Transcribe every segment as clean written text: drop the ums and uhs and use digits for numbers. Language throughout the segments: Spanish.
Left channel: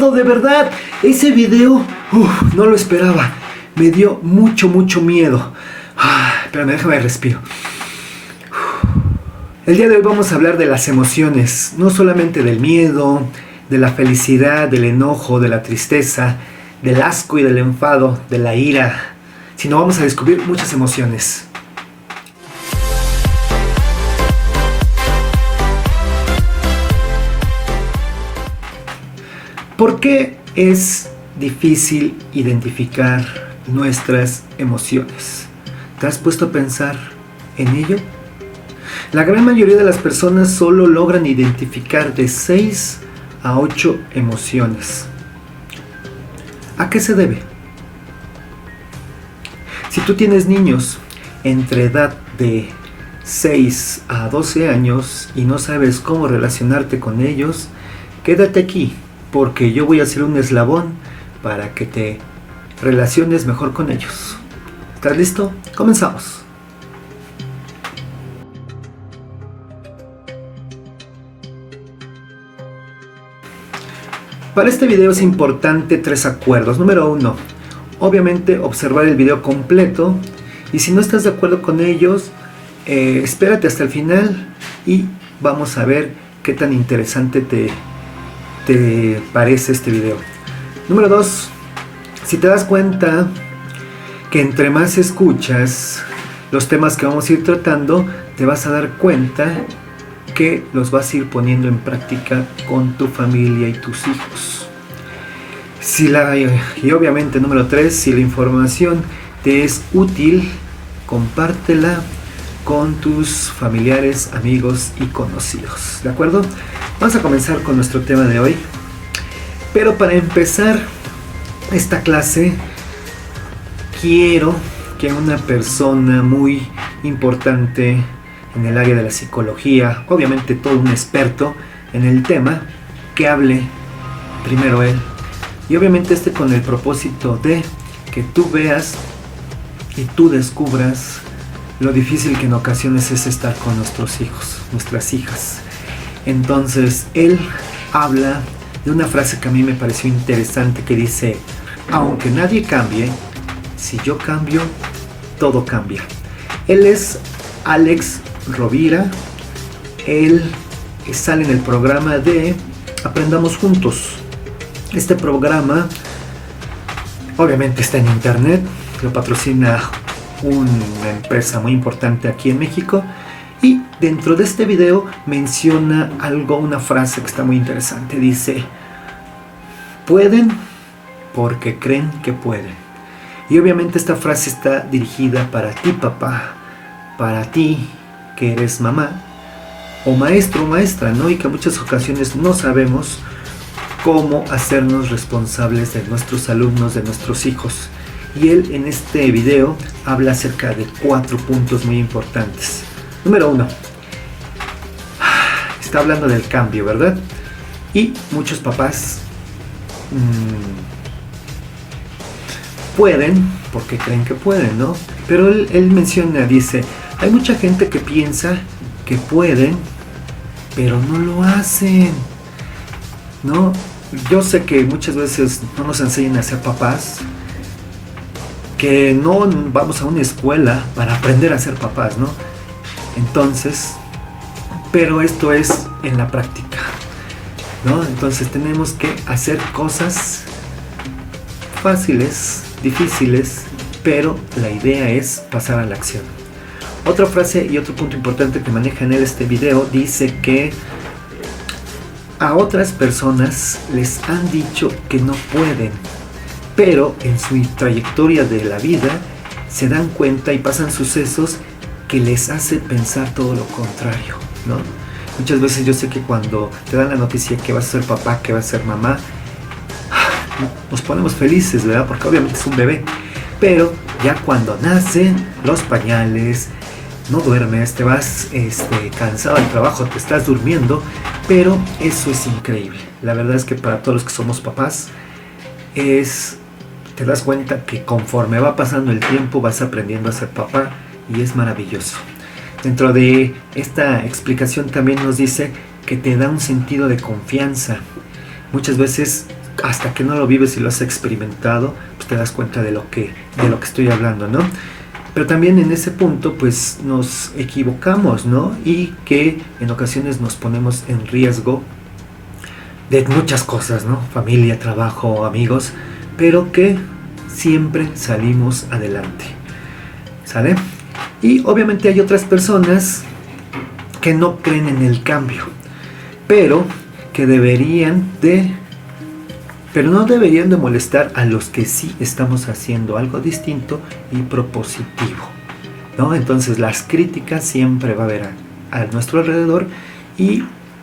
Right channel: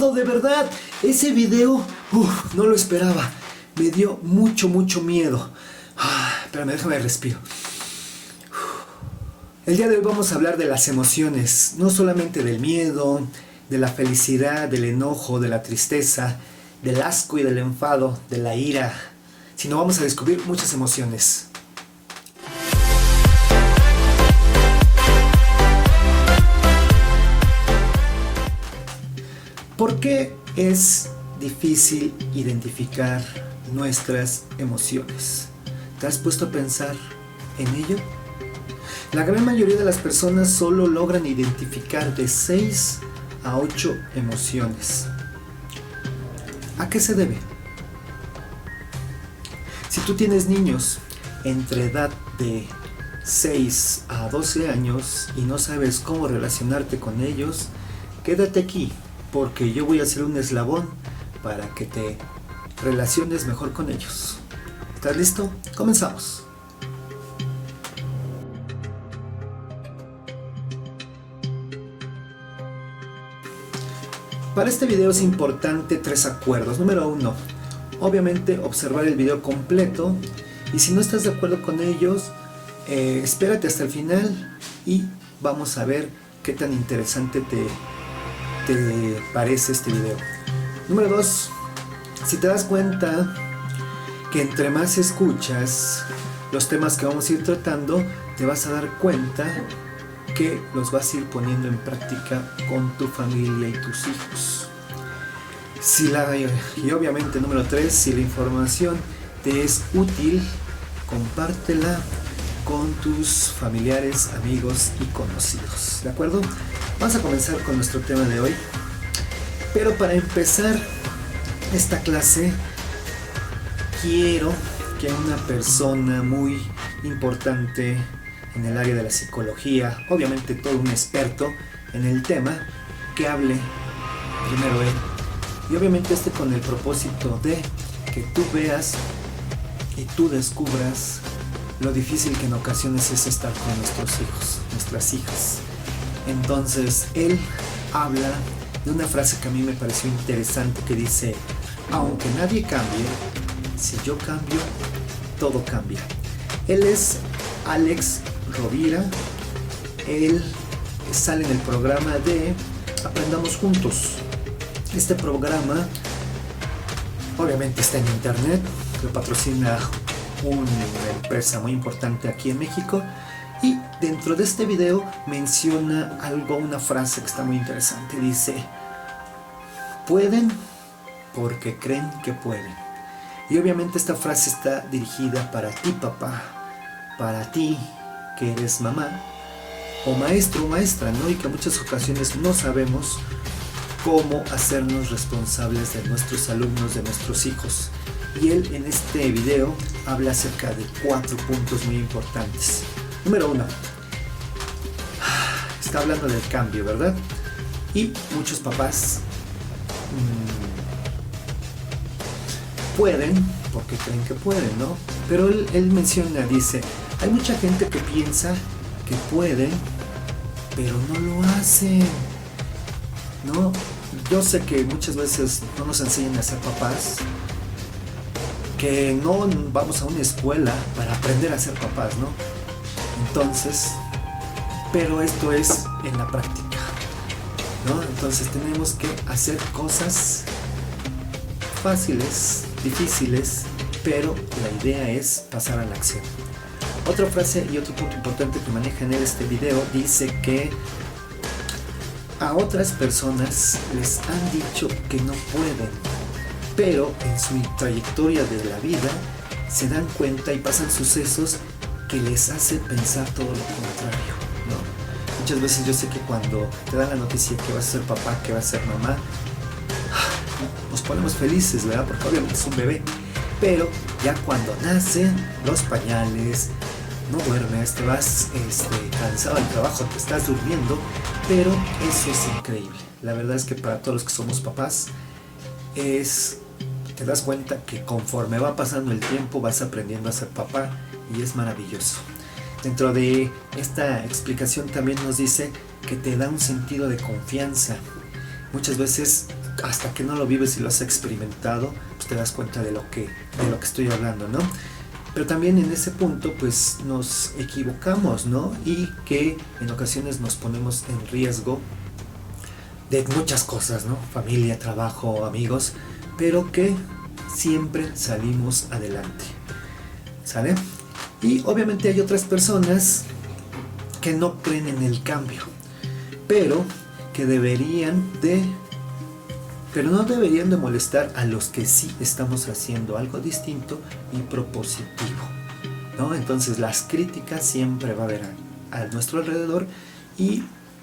miedo, de verdad. Ese video, no lo esperaba. Me dio mucho miedo. Espérame, déjame respiro. El día de hoy vamos a hablar de las emociones, no solamente del miedo, de la felicidad, del enojo, de la tristeza, del asco y del enfado, de la ira, sino vamos a descubrir muchas emociones. ¿Por qué es difícil identificar nuestras emociones? ¿Te has puesto a pensar en ello? La gran mayoría de las personas solo logran identificar de 6 a 8 emociones. ¿A qué se debe? Si tú tienes niños entre edad de 6 a 12 años y no sabes cómo relacionarte con ellos, quédate aquí, porque yo voy a hacer un eslabón para que te relaciones mejor con ellos. ¿Estás listo? Comenzamos. Para este video es importante 3 acuerdos. Número 1, obviamente observar el video completo, y si no estás de acuerdo con ellos, espérate hasta el final y vamos a ver qué tan interesante te parece este video. Número 2, si te das cuenta que entre más escuchas los temas que vamos a ir tratando, te vas a dar cuenta que los vas a ir poniendo en práctica con tu familia y tus hijos. Y obviamente número 3, si la información te es útil, compártela con tus familiares, amigos y conocidos. ¿De acuerdo? Vamos a comenzar con nuestro tema de hoy. Pero para empezar esta clase, quiero que una persona muy importante en el área de la psicología, obviamente todo un experto en el tema, que hable primero él, y obviamente con el propósito de que tú veas y tú descubras lo difícil que en ocasiones es estar con nuestros hijos, nuestras hijas. Entonces él habla de una frase que a mí me pareció interesante, que dice: aunque nadie cambie, si yo cambio, todo cambia. Él es Alex Rovira. Él sale en el programa de Aprendamos Juntos. Este programa obviamente está en internet, lo patrocina una empresa muy importante aquí en México, y dentro de este video menciona una frase que está muy interesante. Dice: pueden porque creen que pueden. Y obviamente esta frase está dirigida para ti, papá, para ti que eres mamá o maestro o maestra, ¿no? Y que en muchas ocasiones no sabemos cómo hacernos responsables de nuestros alumnos, de nuestros hijos. Y él en este video habla acerca de 4 puntos muy importantes. Número 1, está hablando del cambio, ¿verdad? Y muchos papás pueden porque creen que pueden, ¿no? Pero él menciona, dice: hay mucha gente que piensa que pueden, pero no lo hacen, ¿no? Yo sé que muchas veces no nos enseñan a ser papás, que no vamos a una escuela para aprender a ser papás, ¿no? Entonces, pero esto es en la práctica, ¿no? Entonces tenemos que hacer cosas fáciles, difíciles, pero la idea es pasar a la acción. Otra frase y otro punto importante que maneja en este video dice que a otras personas les han dicho que no pueden, pero en su trayectoria de la vida se dan cuenta y pasan sucesos que les hace pensar todo lo contrario, ¿no? Muchas veces yo sé que cuando te dan la noticia que vas a ser papá, que vas a ser mamá, nos ponemos felices, ¿verdad? Porque obviamente es un bebé, pero ya cuando nacen los pañales, no duermes, te vas cansado del trabajo, te estás durmiendo, pero eso es increíble. La verdad es que para todos los que somos papás, te das cuenta que conforme va pasando el tiempo vas aprendiendo a ser papá, y es maravilloso. Dentro de esta explicación también nos dice que te da un sentido de confianza. Muchas veces hasta que no lo vives y lo has experimentado, pues te das cuenta de lo que estoy hablando, ¿no? Pero también en ese punto pues nos equivocamos, ¿no? Y que en ocasiones nos ponemos en riesgo de muchas cosas, ¿no? Familia, trabajo, amigos, pero que siempre salimos adelante, ¿sale? Y obviamente hay otras personas que no creen en el cambio, pero no deberían de molestar a los que sí estamos haciendo algo distinto y propositivo, ¿no? Entonces las críticas siempre va a haber a nuestro alrededor y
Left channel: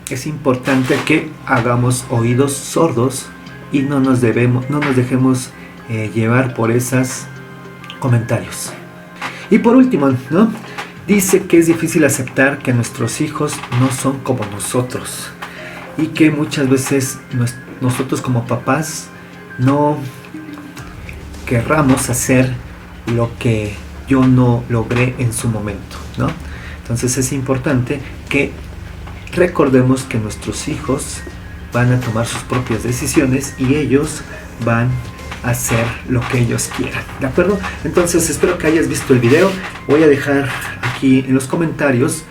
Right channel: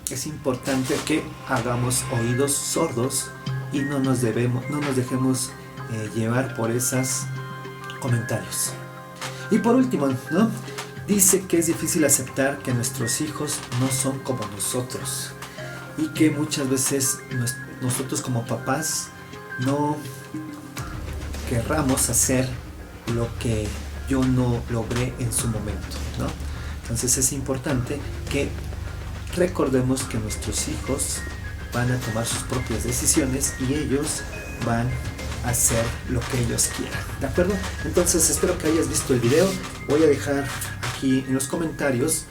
es importante que hagamos oídos sordos y no nos dejemos llevar por esos comentarios. Y por último, ¿no? Dice que es difícil aceptar que nuestros hijos no son como nosotros y que muchas veces nosotros como papás no querramos hacer lo que yo no logré en su momento, ¿no? Entonces es importante que recordemos que nuestros hijos van a tomar sus propias decisiones y ellos van a hacer lo que ellos quieran, ¿de acuerdo? Entonces espero que hayas visto el video. Voy a dejar aquí en los comentarios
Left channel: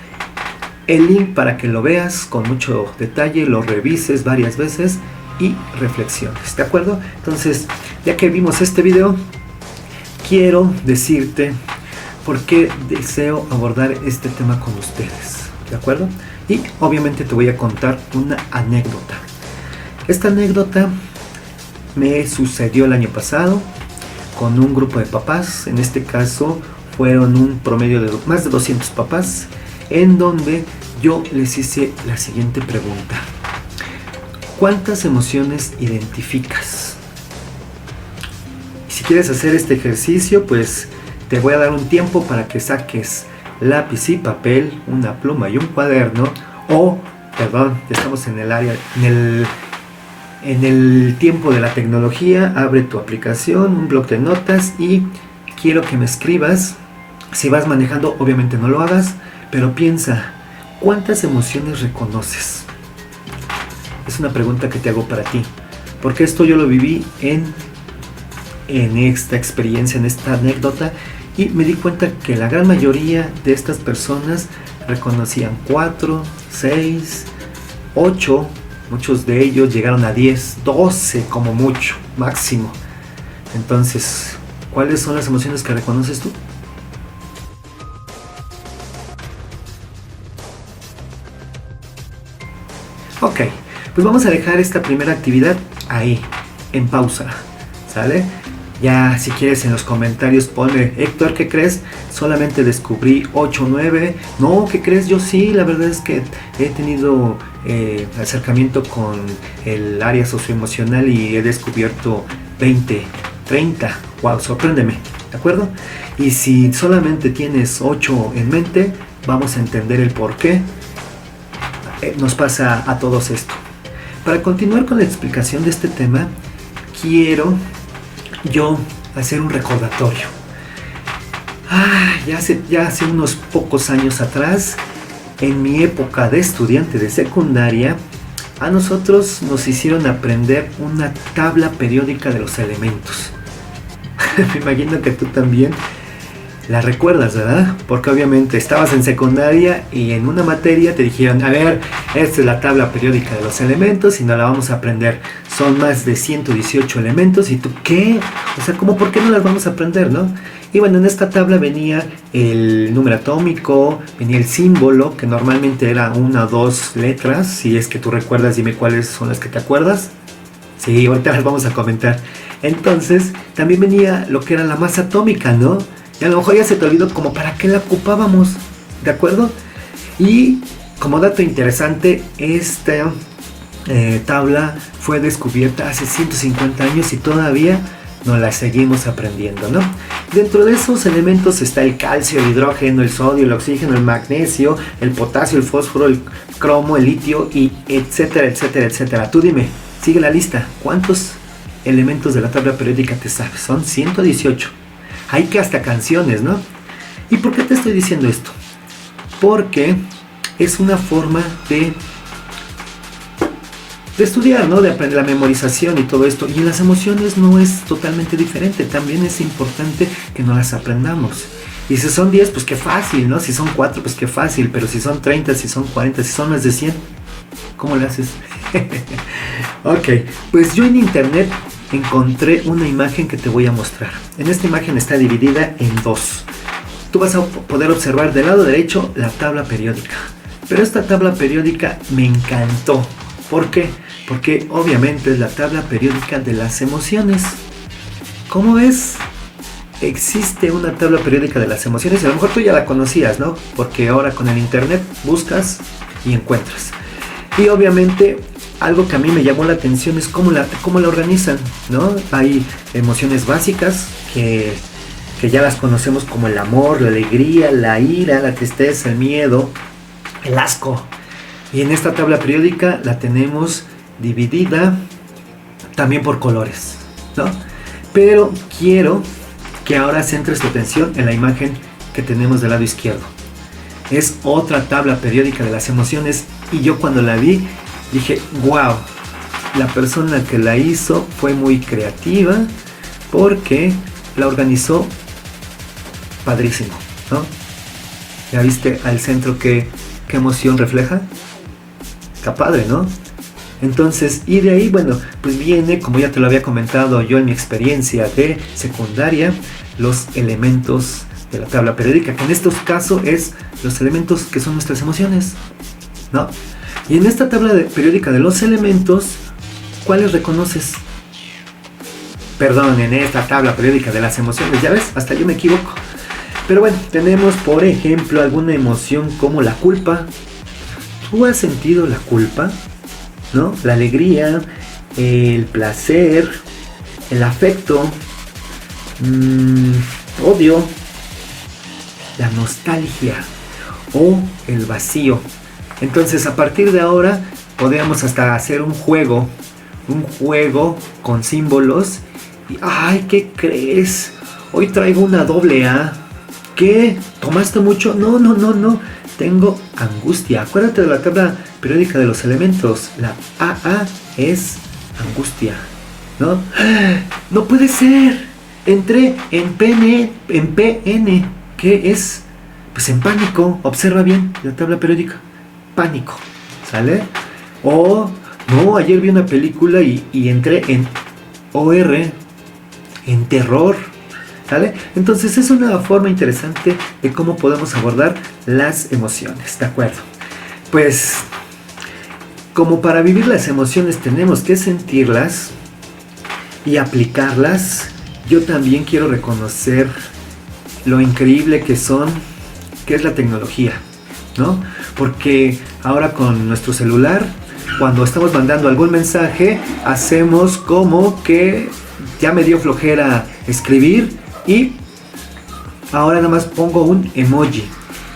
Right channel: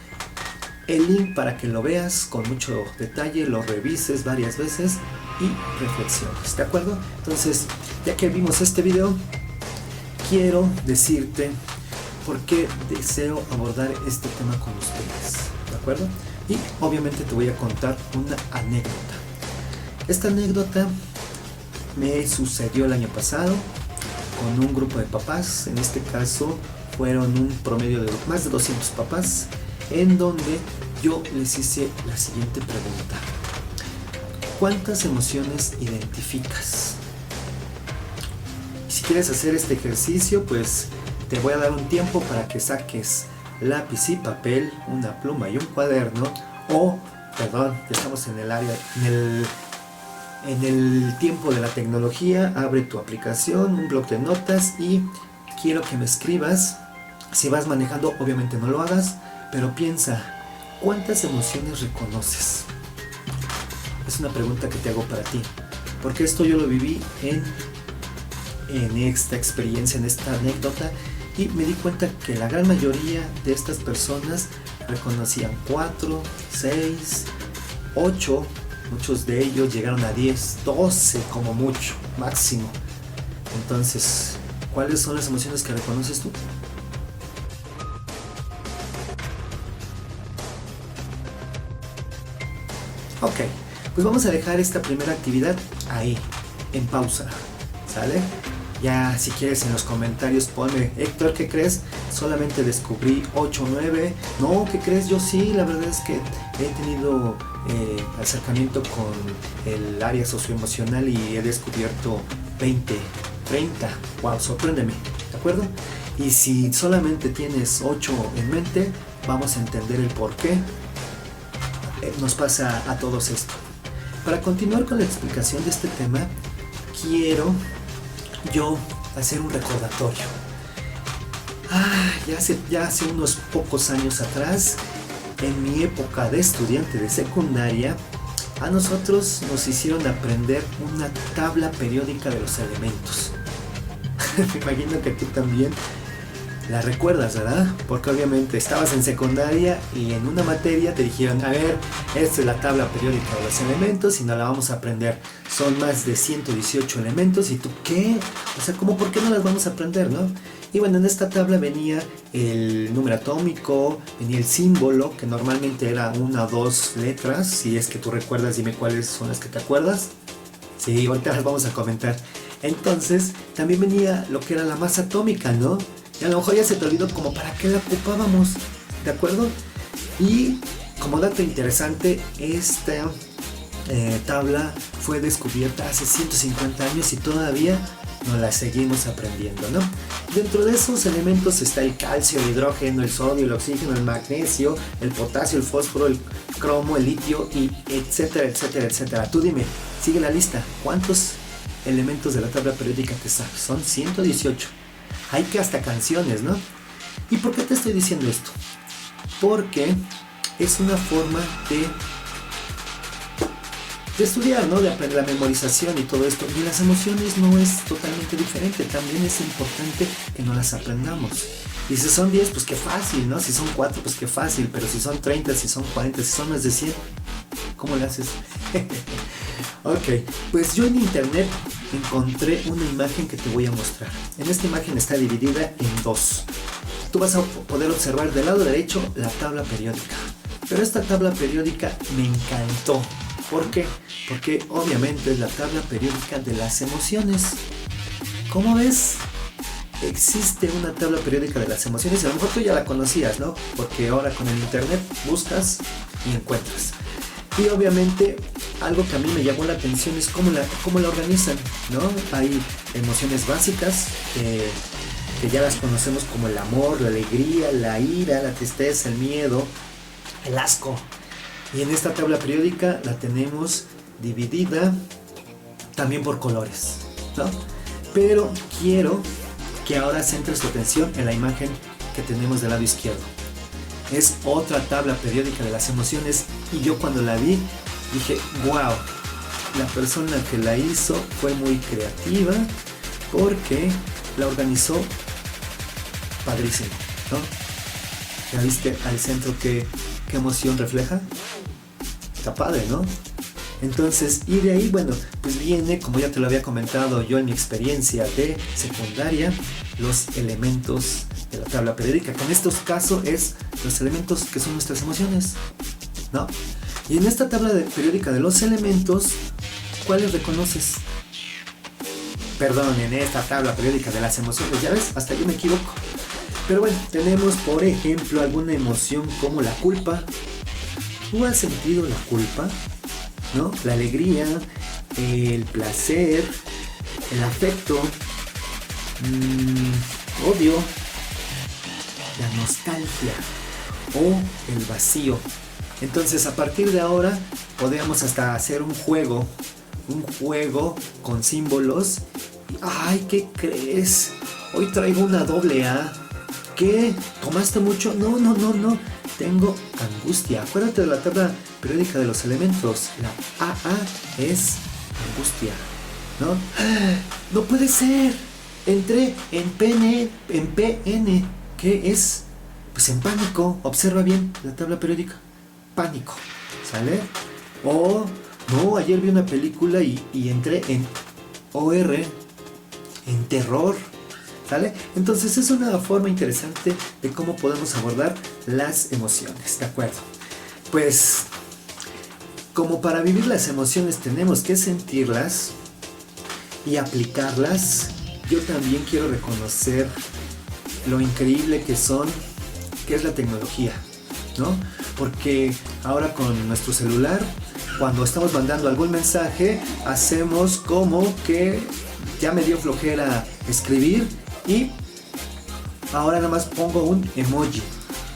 el link para que lo veas con mucho detalle, lo revises varias veces y reflexiones, ¿de acuerdo? Entonces, ya que vimos este video, quiero decirte por qué deseo abordar este tema con ustedes, ¿de acuerdo? Y obviamente te voy a contar una anécdota. Esta anécdota me sucedió el año pasado con un grupo de papás. En este caso fueron un promedio de más de 200 papás, en donde yo les hice la siguiente pregunta: ¿cuántas emociones identificas? Y si quieres hacer este ejercicio, pues te voy a dar un tiempo para que saques lápiz y papel, una pluma y un cuaderno, estamos en el área, en el tiempo de la tecnología. Abre tu aplicación, un bloc de notas y quiero que me escribas. Si vas manejando, obviamente no lo hagas, pero piensa, ¿cuántas emociones reconoces? Es una pregunta que te hago para ti, porque esto yo lo viví en esta experiencia, en esta anécdota, y me di cuenta que la gran mayoría de estas personas reconocían 4, 6, 8, muchos de ellos llegaron a 10, 12 como mucho, máximo. Entonces, ¿cuáles son las emociones que reconoces tú? Ok, pues vamos a dejar esta primera actividad ahí, en pausa, ¿sale? Ya si quieres en los comentarios ponle: Héctor, ¿qué crees? Solamente descubrí 8 o 9. No, ¿qué crees? Yo sí, la verdad es que he tenido acercamiento con el área socioemocional y he descubierto 20, 30. Wow, sorpréndeme, ¿de acuerdo? Y si solamente tienes 8 en mente, vamos a entender el por qué nos pasa a todos esto. Para continuar con la explicación de este tema, quiero yo hacer un recordatorio. Ya hace unos pocos años atrás, en mi época de estudiante de secundaria, a nosotros nos hicieron aprender una tabla periódica de los elementos. Me imagino que tú también la recuerdas, ¿verdad? Porque obviamente estabas en secundaria y en una materia te dijeron: a ver, esta es la tabla periódica de los elementos y nos la vamos a aprender. Son más de 118 elementos. ¿Y tú qué? O sea, ¿cómo por qué no las vamos a aprender, no? Y bueno, en esta tabla venía el número atómico, venía el símbolo, que normalmente era 1 o 2 letras. Si es que tú recuerdas, dime cuáles son las que te acuerdas. Sí, ahorita las vamos a comentar. Entonces, también venía lo que era la masa atómica, ¿no? Y a lo mejor ya se te olvidó como para qué la ocupábamos, ¿de acuerdo? Y como dato interesante, esta tabla fue descubierta hace 150 años y todavía nos la seguimos aprendiendo, ¿no? Dentro de esos elementos está el calcio, el hidrógeno, el sodio, el oxígeno, el magnesio, el potasio, el fósforo, el cromo, el litio y etcétera, etcétera, etcétera. Tú dime, sigue la lista, ¿cuántos elementos de la tabla periódica te sabes? Son 118. Hay que hasta canciones, ¿no? ¿Y por qué te estoy diciendo esto? Porque es una forma de de estudiar, ¿no? De aprender la memorización y todo esto. Y en las emociones no es totalmente diferente. También es importante que no las aprendamos. Y si son 10, pues qué fácil, ¿no? Si son 4, pues qué fácil. Pero si son 30, si son 40, si son más de 100, ¿cómo le haces? Ok, pues yo en internet encontré una imagen que te voy a mostrar. En esta imagen está dividida en dos. Tú vas a poder observar del lado derecho la tabla periódica. Pero esta tabla periódica me encantó. ¿Por qué? Porque obviamente es la tabla periódica de las emociones. ¿Cómo ves? Existe una tabla periódica de las emociones. A lo mejor tú ya la conocías, ¿no? Porque ahora con el internet buscas y encuentras. Y obviamente algo que a mí me llamó la atención es cómo la organizan, ¿no? Hay emociones básicas que ya las conocemos como el amor, la alegría, la ira, la tristeza, el miedo, el asco. Y en esta tabla periódica la tenemos dividida también por colores, ¿no? Pero quiero que ahora centres tu atención en la imagen que tenemos del lado izquierdo. Es otra tabla periódica de las emociones y yo cuando la vi dije, wow, la persona que la hizo fue muy creativa porque la organizó padrísimo, ¿no? ¿Ya viste al centro qué emoción refleja? Está padre, ¿no? Entonces, y de ahí, bueno, pues viene, como ya te lo había comentado yo en mi experiencia de secundaria, los elementos de la tabla periódica, que en estos casos es los elementos que son nuestras emociones, ¿no? Y en esta tabla periódica de los elementos, ¿cuáles reconoces? Perdón, en esta tabla periódica de las emociones, ya ves, hasta yo me equivoco. Pero bueno, tenemos por ejemplo alguna emoción como la culpa. ¿Tú has sentido la culpa? ¿No? La alegría, el placer, el afecto, odio, la nostalgia o el vacío. Entonces a partir de ahora podríamos hasta hacer un juego con símbolos. Y, ay, ¿qué crees? Hoy traigo una doble A. ¿Qué? ¿Tomaste mucho? No. Tengo angustia. Acuérdate de la tabla periódica de los elementos. La AA es angustia, ¿no? No puede ser. Entré en PN. ¿Qué es? Pues en pánico. Observa bien la tabla periódica. Pánico. ¿Sale? O no, ayer vi una película y entré en OR. En terror. ¿Sale? Entonces es una forma interesante de cómo podemos abordar las emociones, ¿de acuerdo? Pues como para vivir las emociones tenemos que sentirlas y aplicarlas, yo también quiero reconocer lo increíble que es la tecnología, ¿no? Porque ahora con nuestro celular, cuando estamos mandando algún mensaje, hacemos como que ya me dio flojera escribir y ahora nada más pongo un emoji.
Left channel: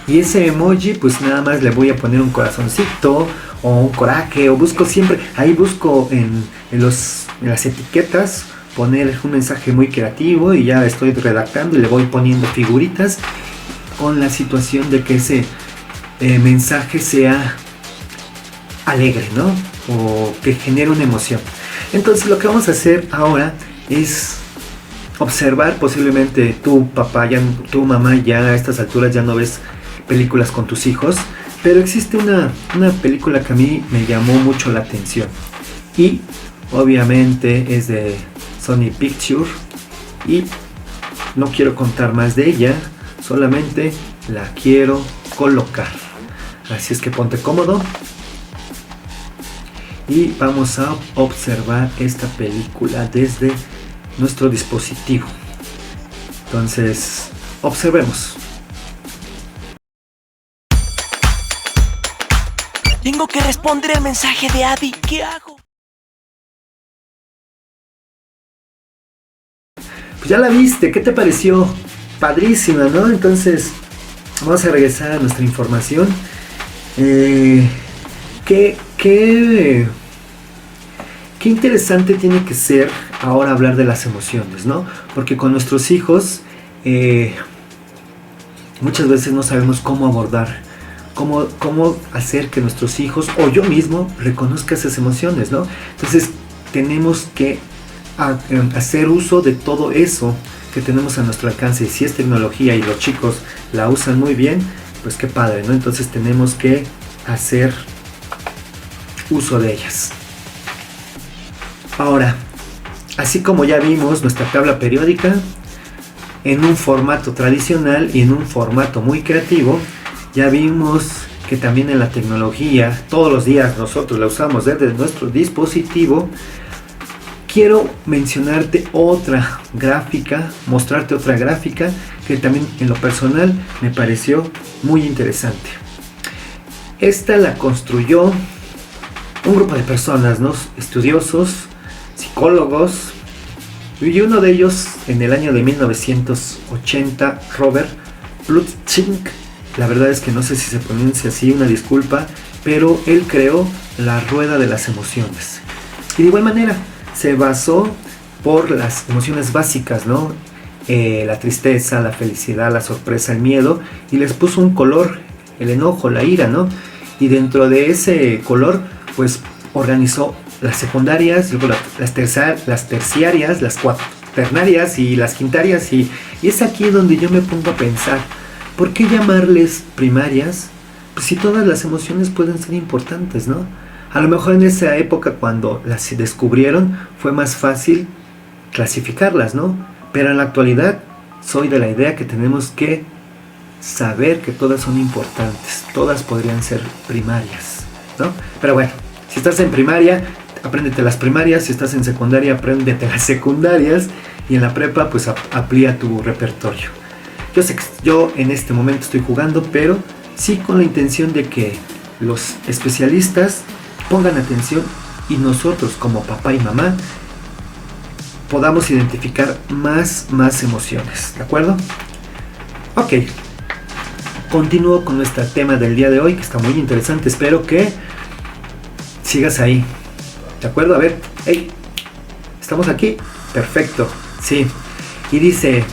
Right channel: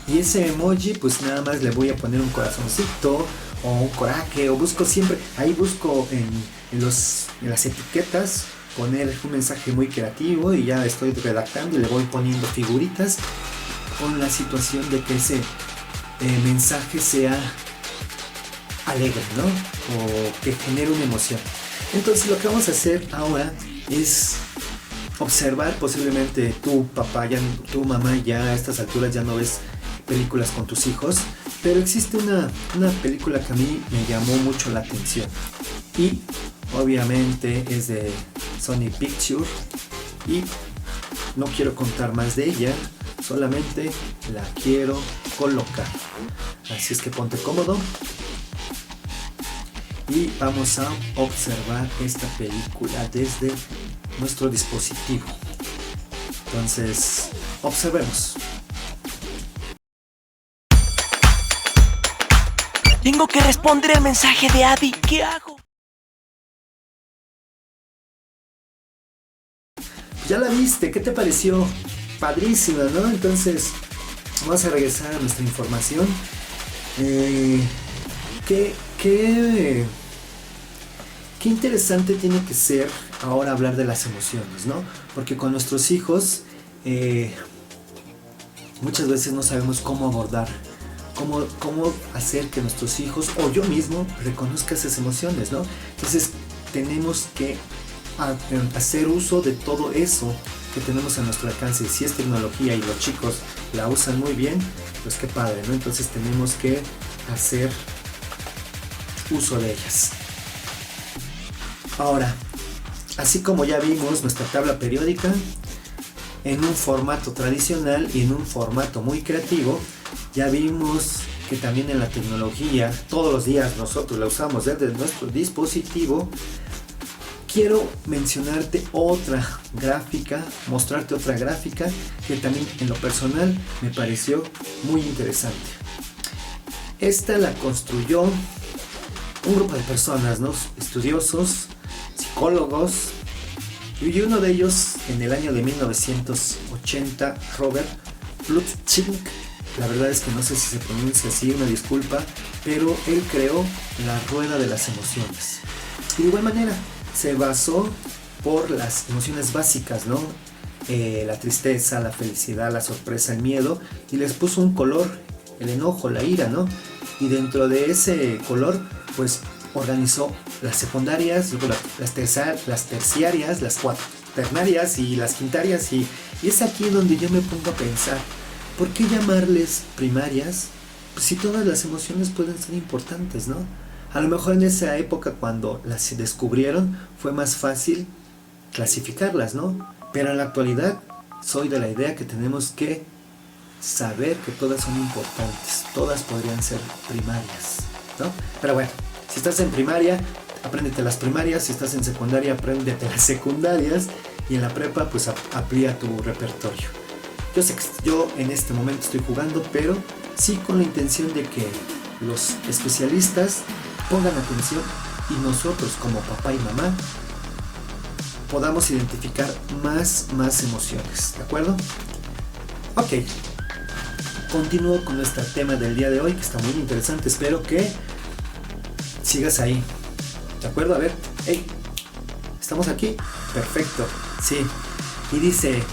Y ese emoji pues nada más le voy a poner un corazoncito o un coraje, o busco siempre, ahí busco en las etiquetas poner un mensaje muy creativo y ya estoy redactando y le voy poniendo figuritas con la situación de que ese mensaje sea alegre, ¿no? O que genere una emoción. Entonces lo que vamos a hacer ahora es observar, posiblemente tu papá, tu mamá ya a estas alturas ya no ves películas con tus hijos, pero existe una película que a mí me llamó mucho la atención y obviamente es de Sony Pictures y no quiero contar más de ella, solamente la quiero colocar. Así es que ponte cómodo y vamos a observar esta película desde nuestro dispositivo. Entonces, observemos. Tengo que responder el mensaje de Abby. ¿Qué hago? Pues ya la viste, ¿qué te pareció? Padrísima, ¿no? Entonces, vamos a regresar a nuestra información. ¿Qué interesante tiene que ser ahora hablar de las emociones, ¿no? Porque con nuestros hijos muchas veces no sabemos cómo cómo hacer que nuestros hijos o yo mismo reconozca esas emociones, ¿no? Entonces tenemos que hacer uso de todo eso que tenemos a nuestro alcance. Y si es tecnología y los chicos la usan muy bien, pues qué padre, ¿no? Entonces tenemos que hacer uso de ellas. Ahora, así como ya vimos nuestra tabla periódica en un formato tradicional y en un formato muy creativo, ya vimos que también en la tecnología todos los días nosotros la usamos desde nuestro dispositivo. Quiero mencionarte otra gráfica, mostrarte otra gráfica que también en lo personal me pareció muy interesante. Esta la construyó un grupo de personas, ¿no? Estudiosos, psicólogos, y uno de ellos en el año de 1980, Robert Plutchik. La verdad es que no sé si se pronuncia así, una disculpa, pero él creó la rueda de las emociones. Y de igual manera se basó por las emociones básicas, ¿no? La tristeza, la felicidad, la sorpresa, el miedo, y les puso un color, el enojo, la ira, ¿no? Y dentro de ese color, pues organizó las secundarias, luego las terciarias, las cuaternarias y las quintarias, y es aquí donde yo me pongo a pensar, ¿por qué llamarles primarias? Pues si todas las emociones pueden ser importantes, ¿no? A lo mejor en esa época cuando las descubrieron fue más fácil clasificarlas, ¿no? Pero en la actualidad soy de la idea que tenemos que saber que todas son importantes, todas podrían ser primarias, ¿no? Pero bueno, si estás en primaria, apréndete las primarias, si estás en secundaria, apréndete las secundarias, y en la prepa, pues amplía tu repertorio. Yo sé que yo en este momento estoy jugando, pero sí con la intención de que los especialistas pongan atención y nosotros como papá y mamá podamos identificar más emociones, ¿de acuerdo? Ok, continúo con nuestro tema del día de hoy, que está muy interesante. Espero que sigas ahí, ¿de acuerdo? A ver, hey, ¿estamos aquí? Perfecto, sí. Y dice,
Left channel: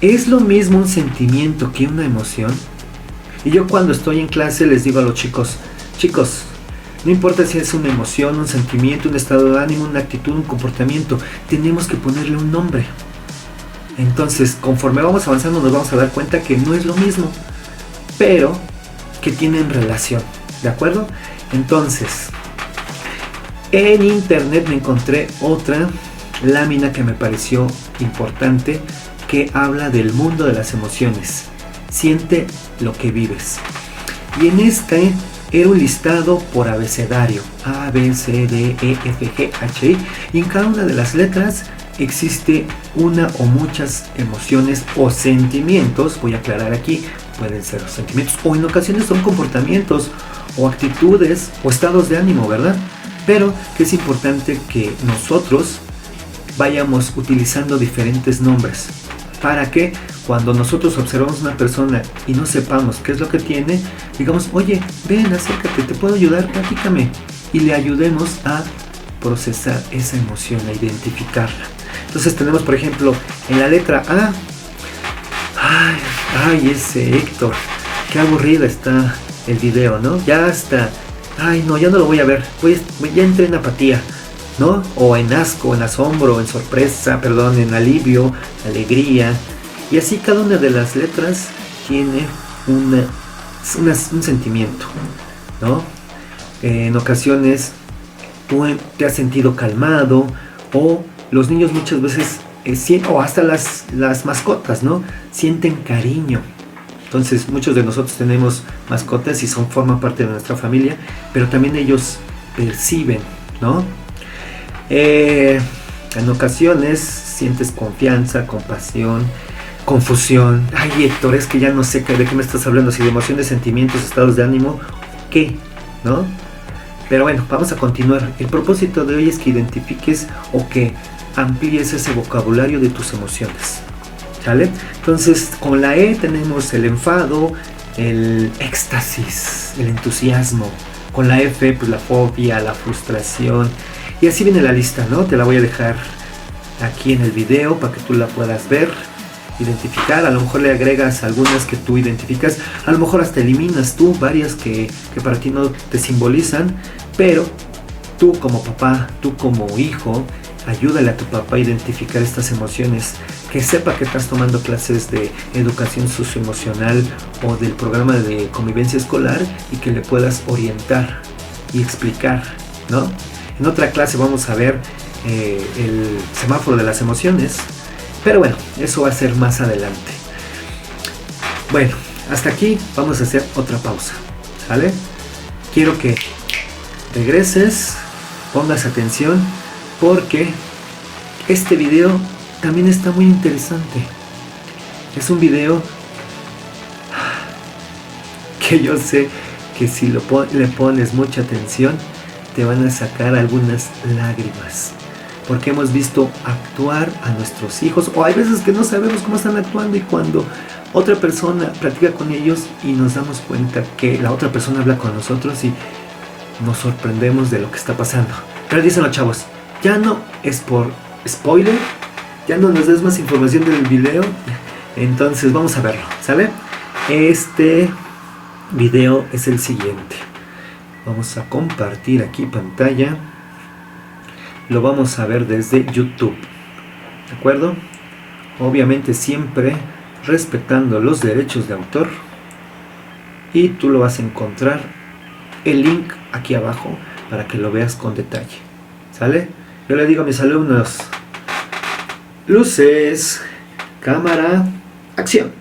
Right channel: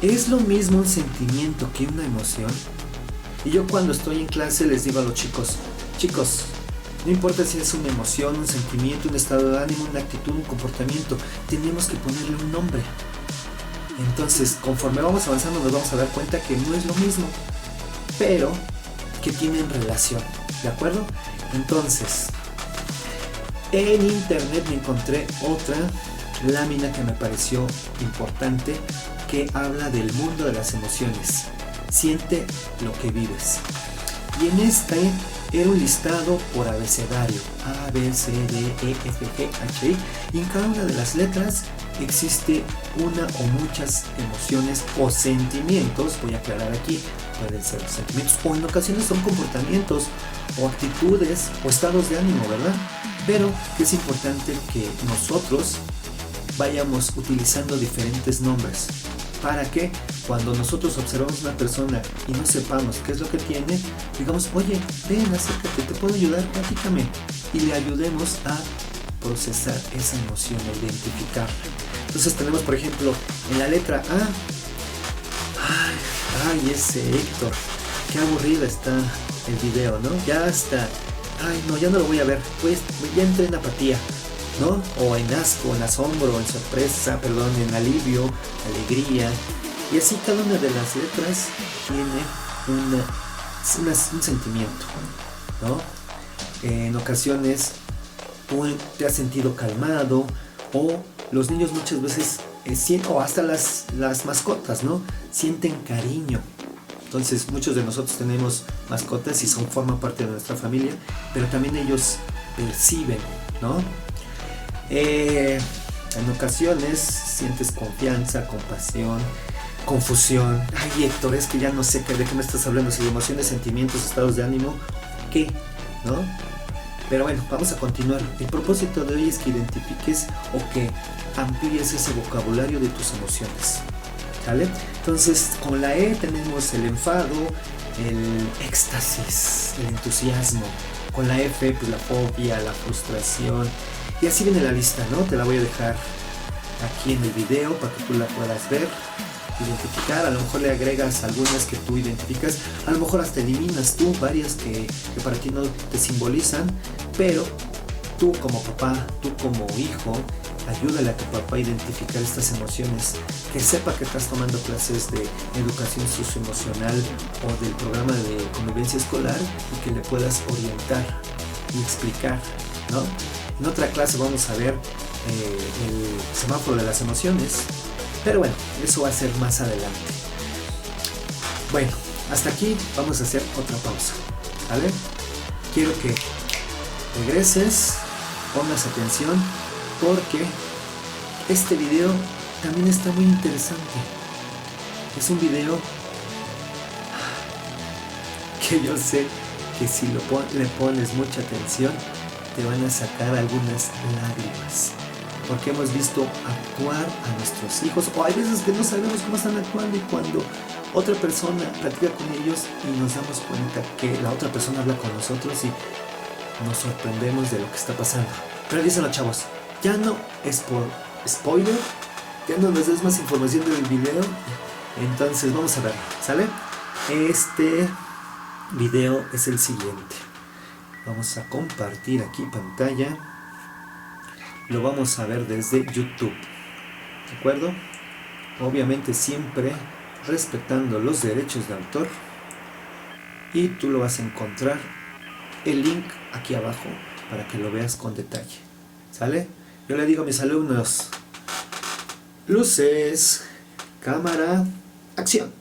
¿es lo mismo un sentimiento que una emoción? Y yo cuando estoy en clase les digo a los chicos, no importa si es una emoción, un sentimiento, un estado de ánimo, una actitud, un comportamiento, tenemos que ponerle un nombre. Entonces, conforme vamos avanzando nos vamos a dar cuenta que no es lo mismo, pero que tienen relación, ¿de acuerdo? Entonces, en internet me encontré otra lámina que me pareció importante, que habla del mundo de las emociones. Siente lo que vives. Y en este era un listado por abecedario, A, B, C, D, E, F, G, H, I, y en cada una de las letras existe una o muchas emociones o sentimientos. Voy a aclarar aquí, pueden ser sentimientos o en ocasiones son comportamientos o actitudes o estados de ánimo, ¿verdad? Pero es importante que nosotros vayamos utilizando diferentes nombres para que cuando nosotros observamos una persona y no sepamos qué es lo que tiene, digamos, oye, ven, acércate, te puedo ayudar, platícame, y le ayudemos a procesar esa emoción, a identificarla. Entonces tenemos, por ejemplo, en la letra A, ay, ese Héctor, qué aburrida está el video, ¿no? Ya está, ay no, ya no lo voy a ver, ya entré en apatía, ¿no? O en asco, en asombro, en sorpresa, perdón, en alivio, alegría. Y así cada una de las letras tiene un sentimiento, ¿no? En ocasiones tú te has sentido calmado, o los niños muchas veces, o hasta las mascotas, ¿no? Sienten cariño. Entonces muchos de nosotros tenemos mascotas y forman parte de nuestra familia, pero también ellos perciben, ¿no? En ocasiones sientes confianza, compasión, confusión. Ay, Héctor, es que ya no sé de qué me estás hablando, si de emociones, sentimientos, estados de ánimo, ¿qué? ¿No? Pero bueno, vamos a continuar. El propósito de hoy es que identifiques o que amplíes ese vocabulario de tus emociones, ¿sale? Entonces, con la E tenemos el enfado, el éxtasis, el entusiasmo. Con la F, pues la fobia, la frustración. Y así viene la lista, ¿no? Te la voy a dejar aquí en el video para que tú la puedas ver. identificar. A lo mejor le agregas algunas que tú identificas, a lo mejor hasta eliminas tú varias que para ti no te simbolizan, pero tú como papá, tú como hijo, ayúdale a tu papá a identificar estas emociones, que sepa que estás tomando clases de educación socioemocional o del programa de convivencia escolar y que le puedas orientar y explicar, ¿no? En otra clase vamos a ver el semáforo de las emociones, pero bueno, eso va a ser más adelante. Bueno, hasta aquí vamos a hacer otra pausa, ¿vale? Quiero que regreses, pongas atención, porque este video también está muy interesante. Es un video que yo sé que si le pones mucha atención te van a sacar algunas lágrimas, porque hemos visto actuar a nuestros hijos, o hay veces que no sabemos cómo están actuando, y cuando otra persona platica con ellos y nos damos cuenta que la otra persona habla con nosotros y nos sorprendemos de lo que está pasando. Pero dicen los chavos, ya no es por spoiler, ya no nos des más información del video, entonces vamos a verlo, ¿sale? Este video es el siguiente. Vamos a compartir aquí pantalla. Lo vamos a ver desde YouTube, ¿de acuerdo? Obviamente siempre respetando los derechos de autor. Y tú lo vas a encontrar el link aquí abajo para que lo veas con detalle, ¿sale? Yo le digo a mis alumnos: luces, cámara, acción.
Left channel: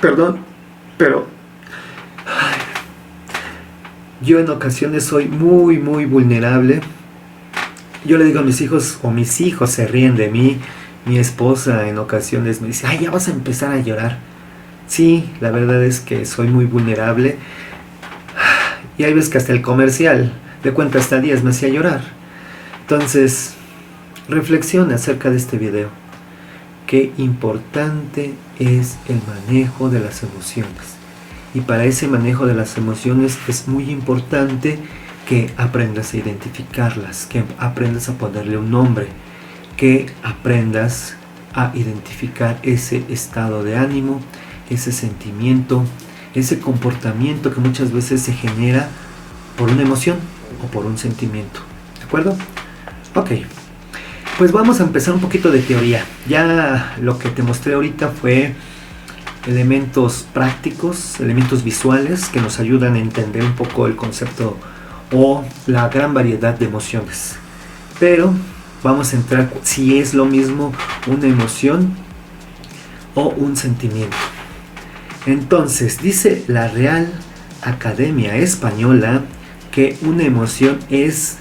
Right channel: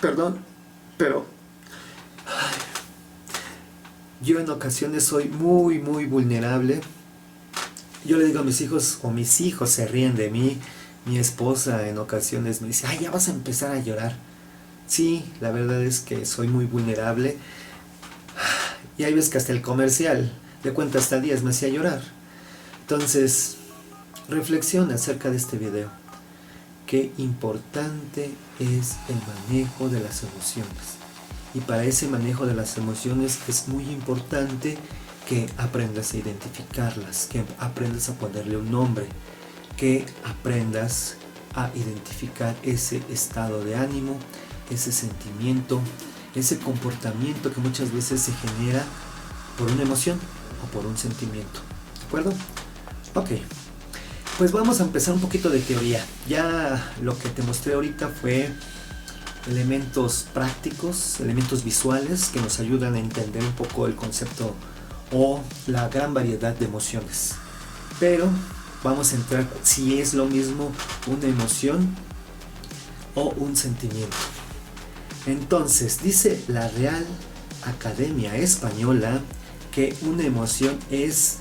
Perdón, pero yo en ocasiones soy muy vulnerable. Yo le digo a mis hijos, o mis hijos se ríen de mí, Mi esposa en ocasiones me dice, ay, ya vas a empezar a llorar. Sí, la verdad es que soy muy vulnerable. Y hay veces que hasta el comercial de cuenta hasta 10 me hacía llorar. Entonces, reflexiona acerca de este video. Qué importante es el manejo de las emociones. Y para ese manejo de las emociones es muy importante que aprendas a identificarlas, que aprendas a ponerle un nombre, que aprendas a identificar ese estado de ánimo, ese sentimiento, ese comportamiento que muchas veces se genera por una emoción o por un sentimiento. ¿De acuerdo? Ok. Pues vamos a empezar un poquito de teoría. Ya lo que te mostré ahorita fue elementos prácticos, elementos visuales que nos ayudan a entender un poco el concepto o la gran variedad de emociones. Pero vamos a entrar si es lo mismo una emoción o un sentimiento. Entonces, dice la Real Academia Española que una emoción es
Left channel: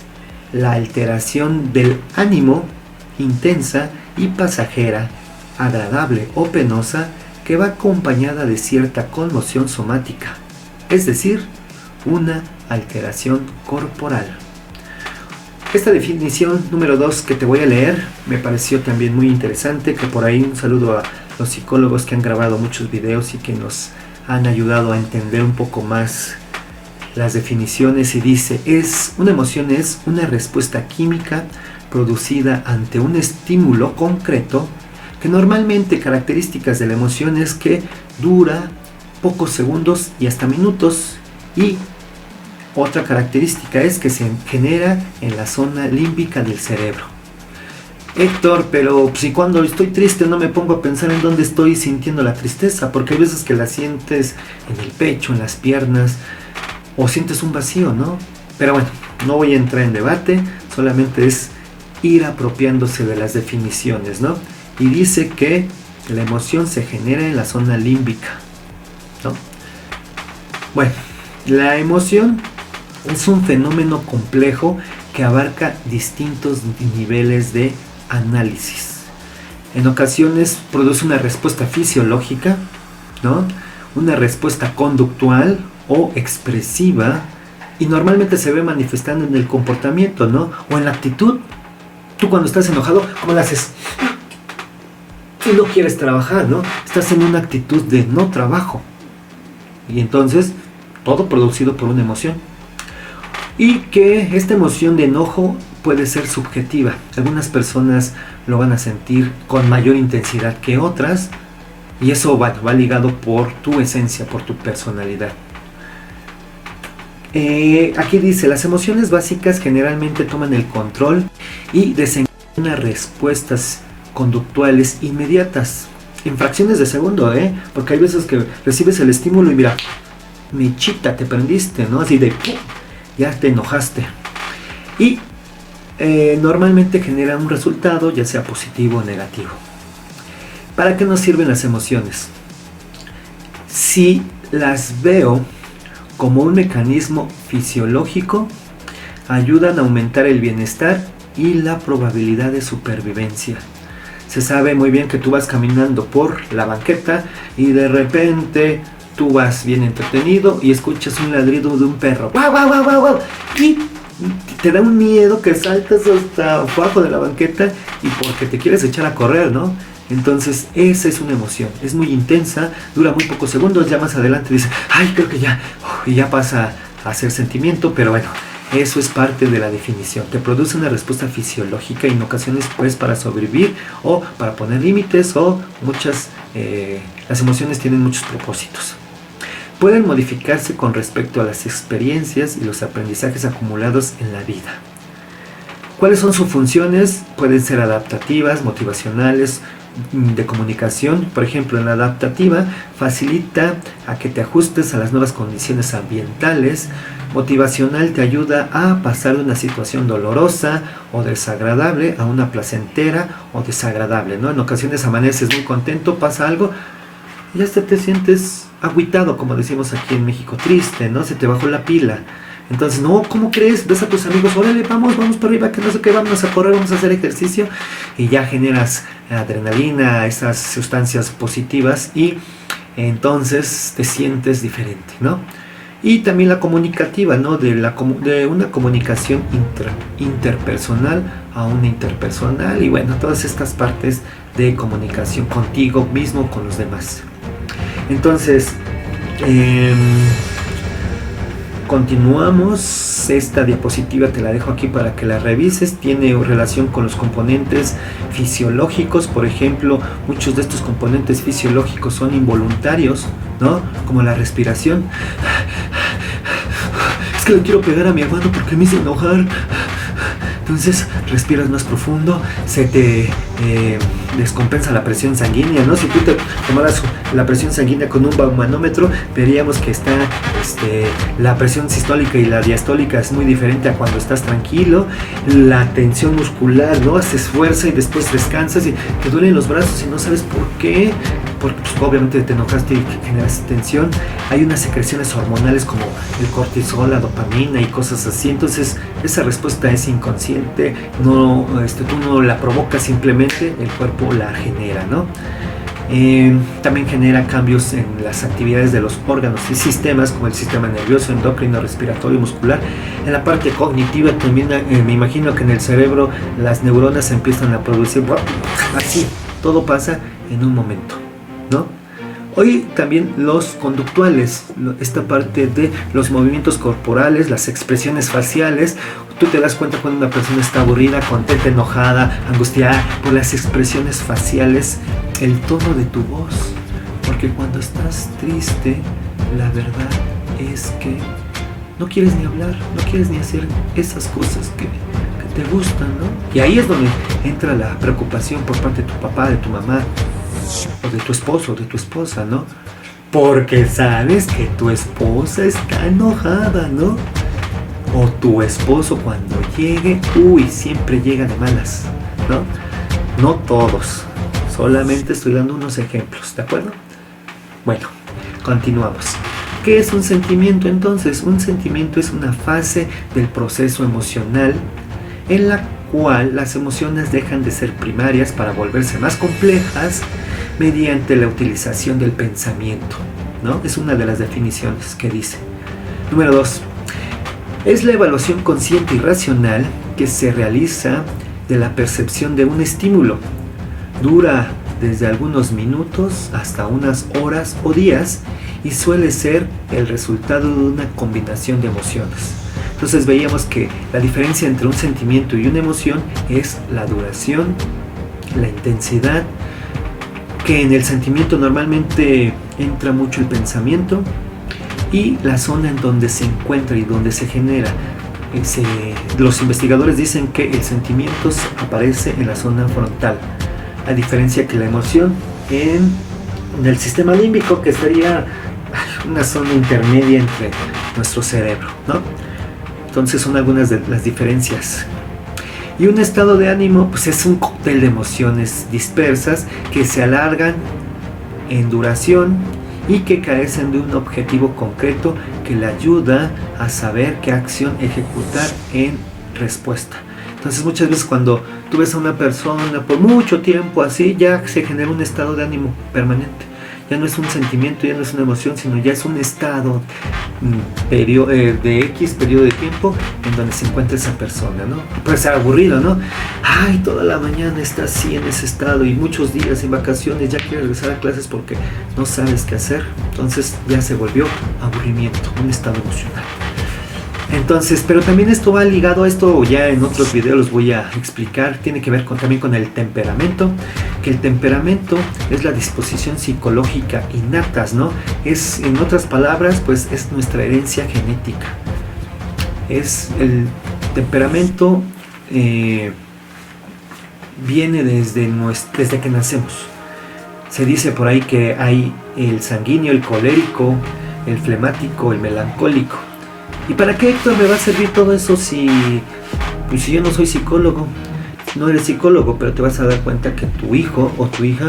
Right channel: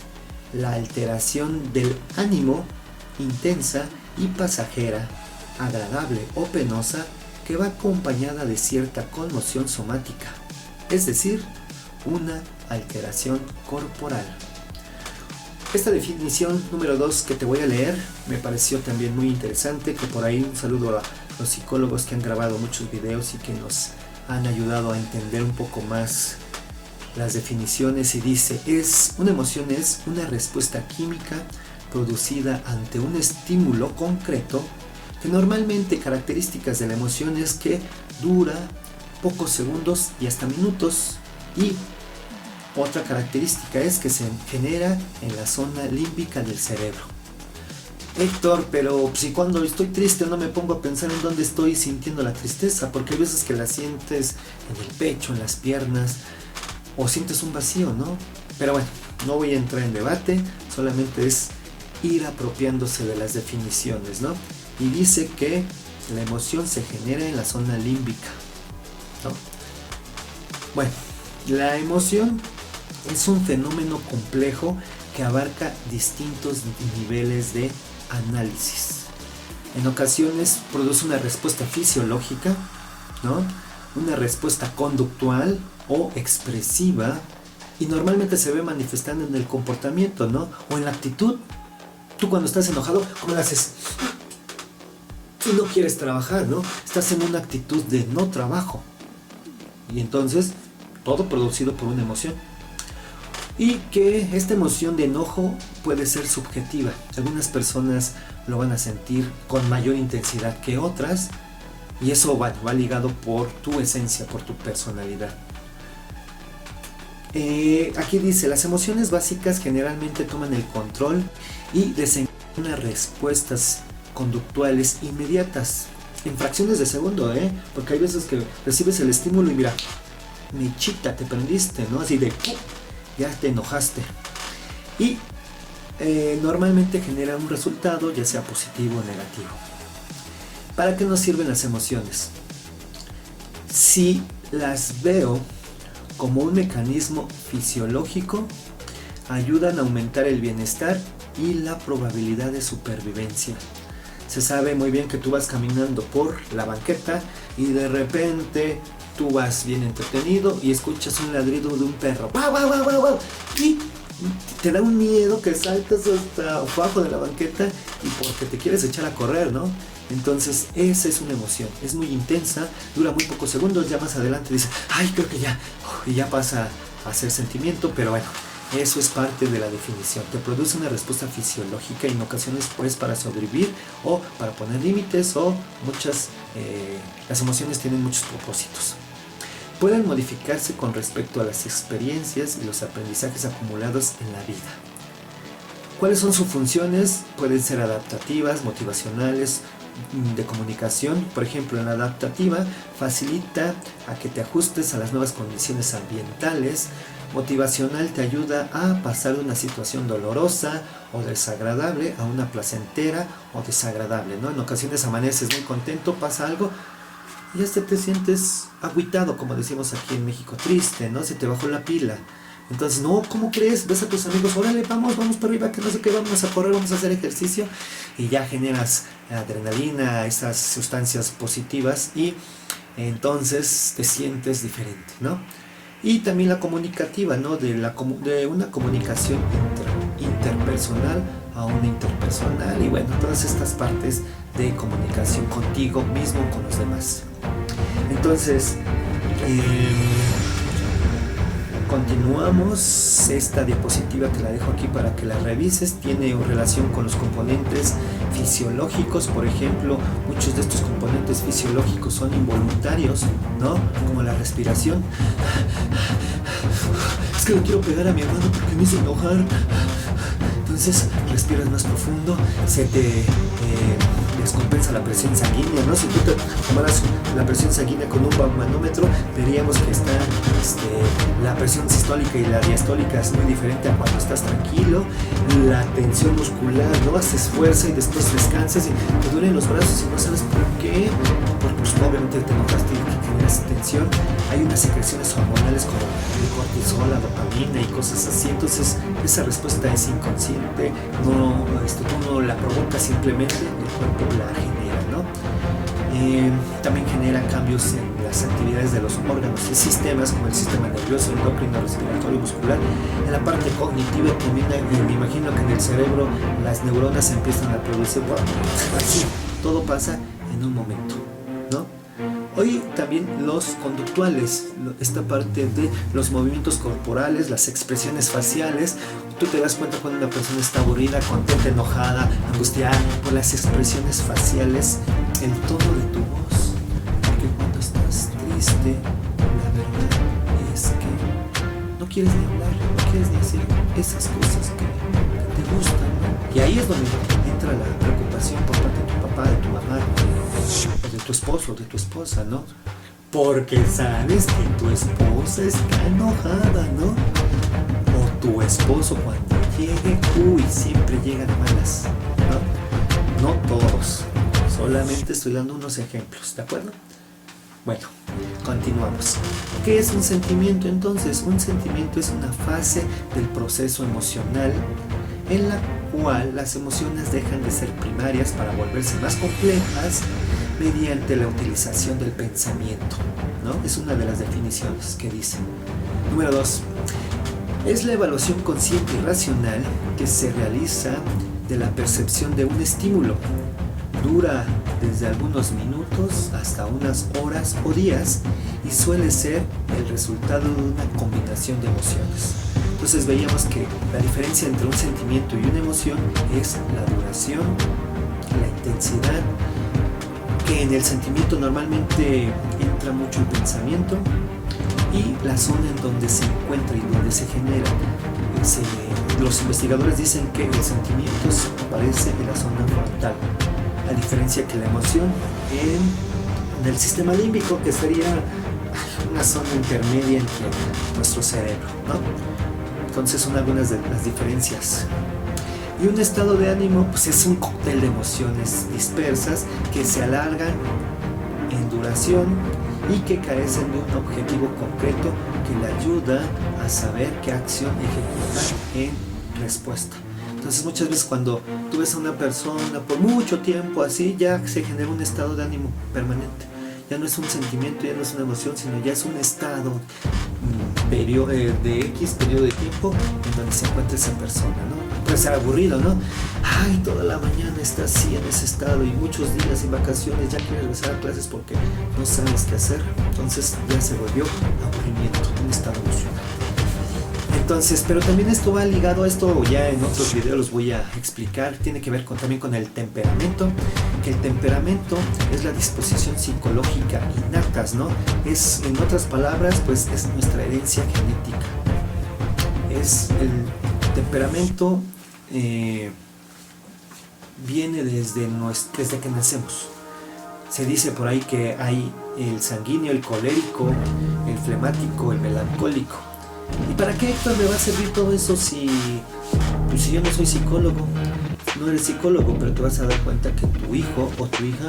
la alteración del ánimo intensa y pasajera, agradable o penosa, que va acompañada de cierta conmoción somática, es decir, una alteración corporal. Esta definición número 2 que te voy a leer me pareció también muy interesante, que por ahí un saludo a los psicólogos que han grabado muchos videos y que nos han ayudado a entender un poco más las definiciones. Y dice, una emoción es una respuesta química producida ante un estímulo concreto, que normalmente características de la emoción es que dura pocos segundos y hasta minutos, y otra característica es que se genera en la zona límbica del cerebro. Héctor, pero si cuando estoy triste no me pongo a pensar en dónde estoy sintiendo la tristeza, porque hay veces que la sientes en el pecho, en las piernas, o sientes un vacío, ¿no? Pero bueno, no voy a entrar en debate, solamente es ir apropiándose de las definiciones, ¿no? Y dice que la emoción se genera en la zona límbica, ¿no? Bueno, la emoción es un fenómeno complejo que abarca distintos niveles de análisis. En ocasiones produce una respuesta fisiológica, ¿no? Una respuesta conductual o expresiva, y normalmente se ve manifestando en el comportamiento, ¿no? O en la actitud. Tú cuando estás enojado, ¿cómo lo haces? Y no quieres trabajar, ¿no? Estás en una actitud de no trabajo. Y entonces, todo producido por una emoción. Y que esta emoción de enojo puede ser subjetiva. Algunas personas lo van a sentir con mayor intensidad que otras, y eso va ligado por tu esencia, por tu personalidad. Aquí dice, las emociones básicas generalmente toman el control y desencadenan respuestas conductuales inmediatas, en fracciones de segundo, porque hay veces que recibes el estímulo y mira, mechita, te prendiste, ¿no? Así de, ya te enojaste. Y normalmente genera un resultado, ya sea positivo o negativo. ¿Para qué nos sirven las emociones? Si las veo como un mecanismo fisiológico, ayudan a aumentar el bienestar y la probabilidad de supervivencia. Se sabe muy bien que tú vas caminando por la banqueta y de repente tú vas bien entretenido y escuchas un ladrido de un perro. ¡Guau, guau, guau, guau, guau! Y te da un miedo que saltas hasta abajo de la banqueta y porque te quieres echar a correr, ¿no? Entonces esa es una emoción, es muy intensa, dura muy pocos segundos, ya más adelante dices, ay, creo que ya, y ya pasa a ser sentimiento, pero bueno, eso es parte de la definición. Te produce una respuesta fisiológica y en ocasiones pues para sobrevivir o para poner límites, o las emociones tienen muchos propósitos. Pueden modificarse con respecto a las experiencias y los aprendizajes acumulados en la vida. ¿Cuáles son sus funciones? Pueden ser adaptativas, motivacionales, de comunicación. Por ejemplo, en la adaptativa facilita a que te ajustes a las nuevas condiciones ambientales. Motivacional te ayuda a pasar de una situación dolorosa o desagradable a una placentera o desagradable, ¿no? En ocasiones amaneces muy contento, pasa algo y hasta te sientes agüitado, como decimos aquí en México, triste, ¿no? Se te bajó la pila. Entonces, no, ¿cómo crees? Ves a tus amigos, órale, vamos para arriba, que no sé qué, vamos a correr, vamos a hacer ejercicio, y ya generas adrenalina, esas sustancias positivas, y entonces te sientes diferente, ¿no? Y también la comunicativa, ¿no? De una comunicación interpersonal a una interpersonal, y bueno, todas estas partes de comunicación contigo mismo, con los demás. Entonces, continuamos. Esta diapositiva te la dejo aquí para que la revises. Tiene relación con los componentes fisiológicos. Por ejemplo, muchos de estos componentes fisiológicos son involuntarios, ¿no? Como la respiración. Es que le quiero pegar a mi hermano porque me hizo enojar. Entonces respiras más profundo, se te descompensa la presión sanguínea, ¿no? Si tú te tomaras la presión sanguínea con un manómetro, veríamos que está la presión sistólica y la diastólica es muy diferente a cuando estás tranquilo. La tensión muscular, ¿no? Haces fuerza y después descansas y te duelen los brazos y no sabes por qué, porque pues, obviamente te enojaste y generas tensión. Hay unas secreciones hormonales como el cortisol, la dopamina y cosas así. Entonces esa respuesta es inconsciente, no, tú no la provocas, simplemente el cuerpo la genera, ¿no? También genera cambios en las actividades de los órganos y sistemas como el sistema nervioso, endocrino, respiratorio, muscular. En la parte cognitiva también me imagino que en el cerebro las neuronas empiezan a producir, así, todo pasa en un momento, ¿no? Hoy también los conductuales, esta parte de los movimientos corporales, las expresiones faciales. Tú te das cuenta cuando una persona está aburrida, contenta, enojada, angustiada, por las expresiones faciales, el tono de tu voz. Porque cuando estás triste, la verdad es que no quieres ni hablar, no quieres ni hacer esas cosas que te gustan, ¿no? Y ahí es donde entra la preocupación por parte de tu papá, de tu mamá, o de tu esposo, o de tu esposa, ¿no? Porque sabes que tu esposa está enojada, ¿no? O tu esposo cuando llegue, siempre llega de malas, ¿no? No todos, solamente estoy dando unos ejemplos, ¿de acuerdo? Bueno, continuamos. ¿Qué es un sentimiento entonces? Un sentimiento es una fase del proceso emocional en la cual las emociones dejan de ser primarias para volverse más complejas mediante la utilización del pensamiento, ¿no? Es una de las definiciones que dice. Número 2. Es la evaluación consciente y racional que se realiza de la percepción de un estímulo. Dura desde algunos minutos hasta unas horas o días y suele ser el resultado de una combinación de emociones. Entonces veíamos que la diferencia entre un sentimiento y una emoción es la duración, la intensidad, que en el sentimiento normalmente entra mucho el pensamiento, y la zona en donde se encuentra y donde se genera. Los investigadores dicen que el sentimiento aparece en la zona frontal, a diferencia que la emoción en el sistema límbico, que sería una zona intermedia entre nuestro cerebro, ¿no? Entonces son algunas de las diferencias. Y un estado de ánimo, pues es un cóctel de emociones dispersas que se alargan en duración y que carecen de un objetivo concreto que le ayuda a saber qué acción ejecutar en respuesta. Entonces muchas veces cuando tú ves a una persona por mucho tiempo así, ya se genera un estado de ánimo permanente. Ya no es un sentimiento, ya no es una emoción, sino ya es un estado de X periodo de tiempo en donde se encuentra esa persona, ¿no? Puede ser aburrido, ¿no? Ay, toda la mañana está así en ese estado y muchos días en vacaciones ya quiere regresar a clases porque no sabes qué hacer. Entonces ya se volvió aburrimiento, un estado emocional. Entonces, pero también esto va ligado a esto, ya en otros videos los voy a explicar, tiene que ver también con el temperamento, que el temperamento es la disposición psicológica innata, ¿no? Es, en otras palabras, pues es nuestra herencia genética. Es el temperamento, viene desde que nacemos. Se dice por ahí que hay el sanguíneo, el colérico, el flemático, el melancólico. ¿Y para qué, Héctor, me va a servir todo eso si yo no soy psicólogo? No eres psicólogo, pero te vas a dar cuenta que tu hijo o tu hija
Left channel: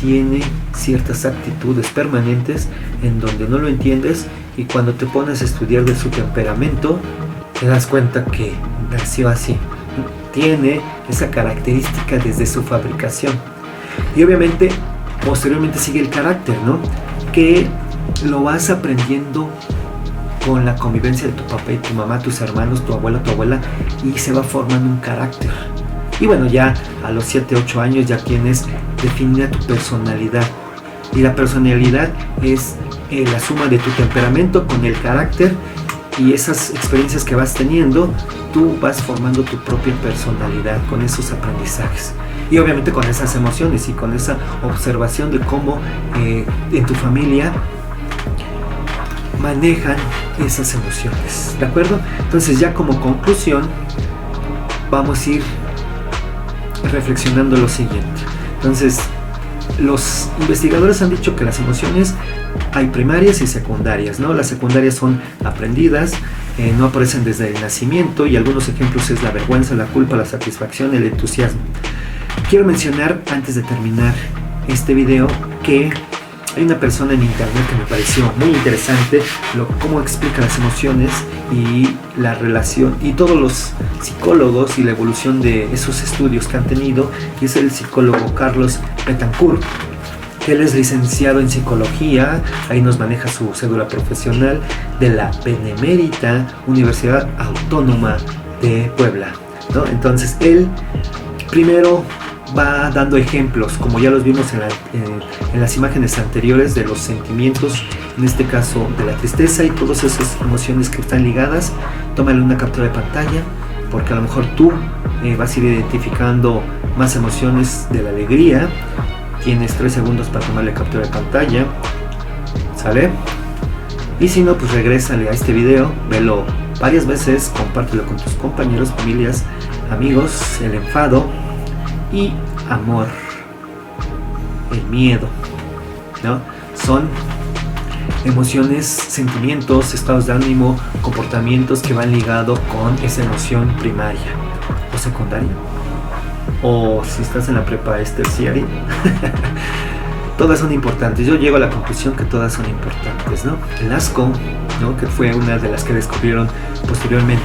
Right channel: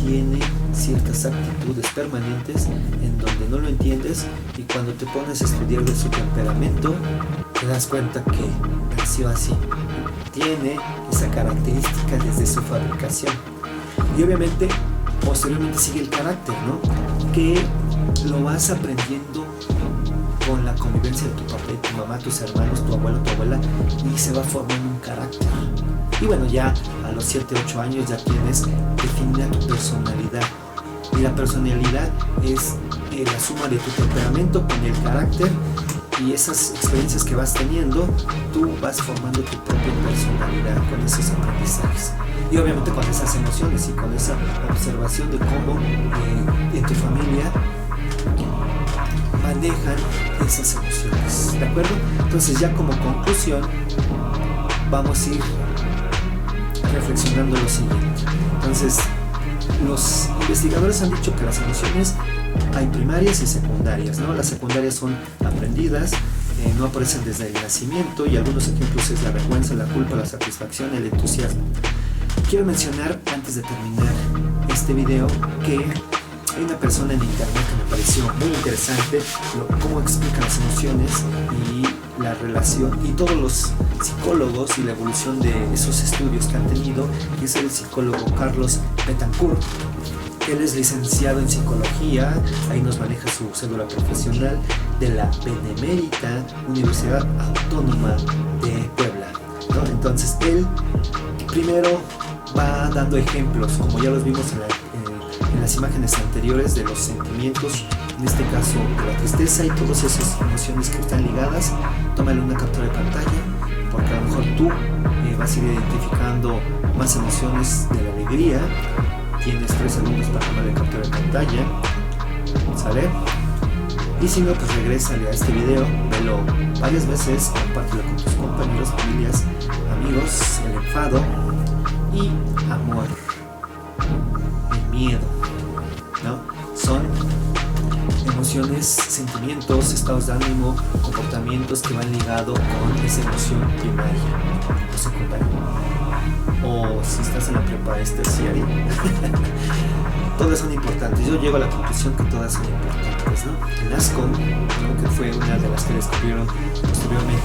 tiene ciertas actitudes permanentes en donde no lo entiendes, y cuando te pones a estudiar de su temperamento te das cuenta que nació así. Tiene esa característica desde su fabricación. Y obviamente posteriormente sigue el carácter, ¿no? Que lo vas aprendiendo con la convivencia de tu papá y tu mamá, tus hermanos, tu abuela, y se va formando un carácter. Y bueno, ya a los 7, 8 años ya tienes definida tu personalidad. Y la personalidad es la suma de tu temperamento con el carácter, y esas experiencias que vas teniendo, tú vas formando tu propia personalidad con esos aprendizajes. Y obviamente con esas emociones y con esa observación de cómo en tu familia manejan esas emociones, ¿de acuerdo? Entonces ya como conclusión vamos a ir reflexionando lo siguiente. Entonces, los investigadores han dicho que las emociones hay primarias y secundarias, ¿no? Las secundarias son aprendidas, no aparecen desde el nacimiento, y algunos ejemplos es la vergüenza, la culpa, la satisfacción, el entusiasmo. Quiero mencionar antes de terminar este video que hay una persona en internet que me pareció muy interesante cómo explica las emociones y la relación, y todos los psicólogos y la evolución de esos estudios que han tenido, que es el psicólogo Carlos Betancourt. Él es licenciado en psicología, ahí nos maneja su cédula profesional, de la Benemérita Universidad Autónoma de Puebla, ¿no? Entonces él primero va dando ejemplos, como ya los vimos en las imágenes anteriores, de los sentimientos, en este caso de la tristeza y todas esas emociones que están ligadas. Tómale una captura de pantalla, porque a lo mejor tú vas a ir identificando más emociones de la alegría. Tienes 3 segundos para tomarle captura de pantalla, ¿sale? Y si no, pues regrésale a este video, velo varias veces, compártelo con tus compañeros, familias, amigos. El enfado y amor, el miedo, ¿no? Son emociones, sentimientos, estados de ánimo, comportamientos que van ligados con esa emoción primaria o secundaria, o si estás en la prepa es terciaria. Todas son importantes. Yo llego a la conclusión que todas son importantes, ¿no? El asco, ¿no? Que fue una de las que descubrieron posteriormente.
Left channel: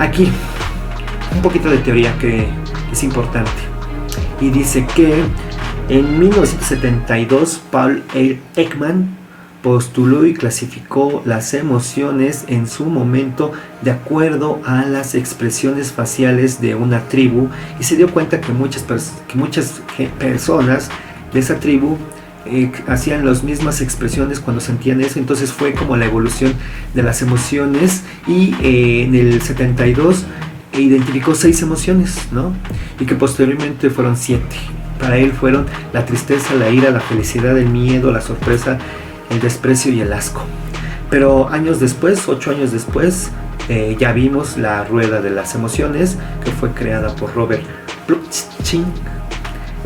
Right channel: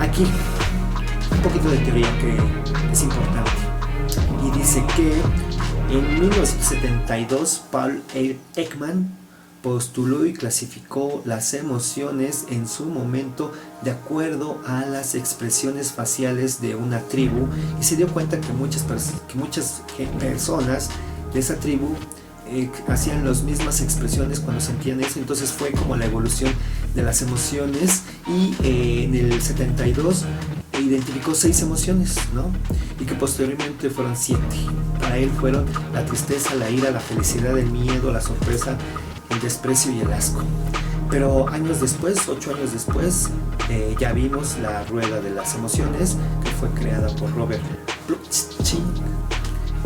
Aquí un poquito de teoría que es importante, y dice que en 1972 Paul Ekman postuló y clasificó las emociones en su momento de acuerdo a las expresiones faciales de una tribu, y se dio cuenta que muchas personas de esa tribu hacían las mismas expresiones cuando sentían eso. Entonces fue como la evolución de las emociones, y en el 72 identificó 6 emociones, ¿no? Y que posteriormente fueron 7. Para él fueron la tristeza, la ira, la felicidad, el miedo, la sorpresa, el desprecio y el asco. Pero años después, 8 años después, ya vimos la rueda de las emociones, que fue creada por Robert Plutchik,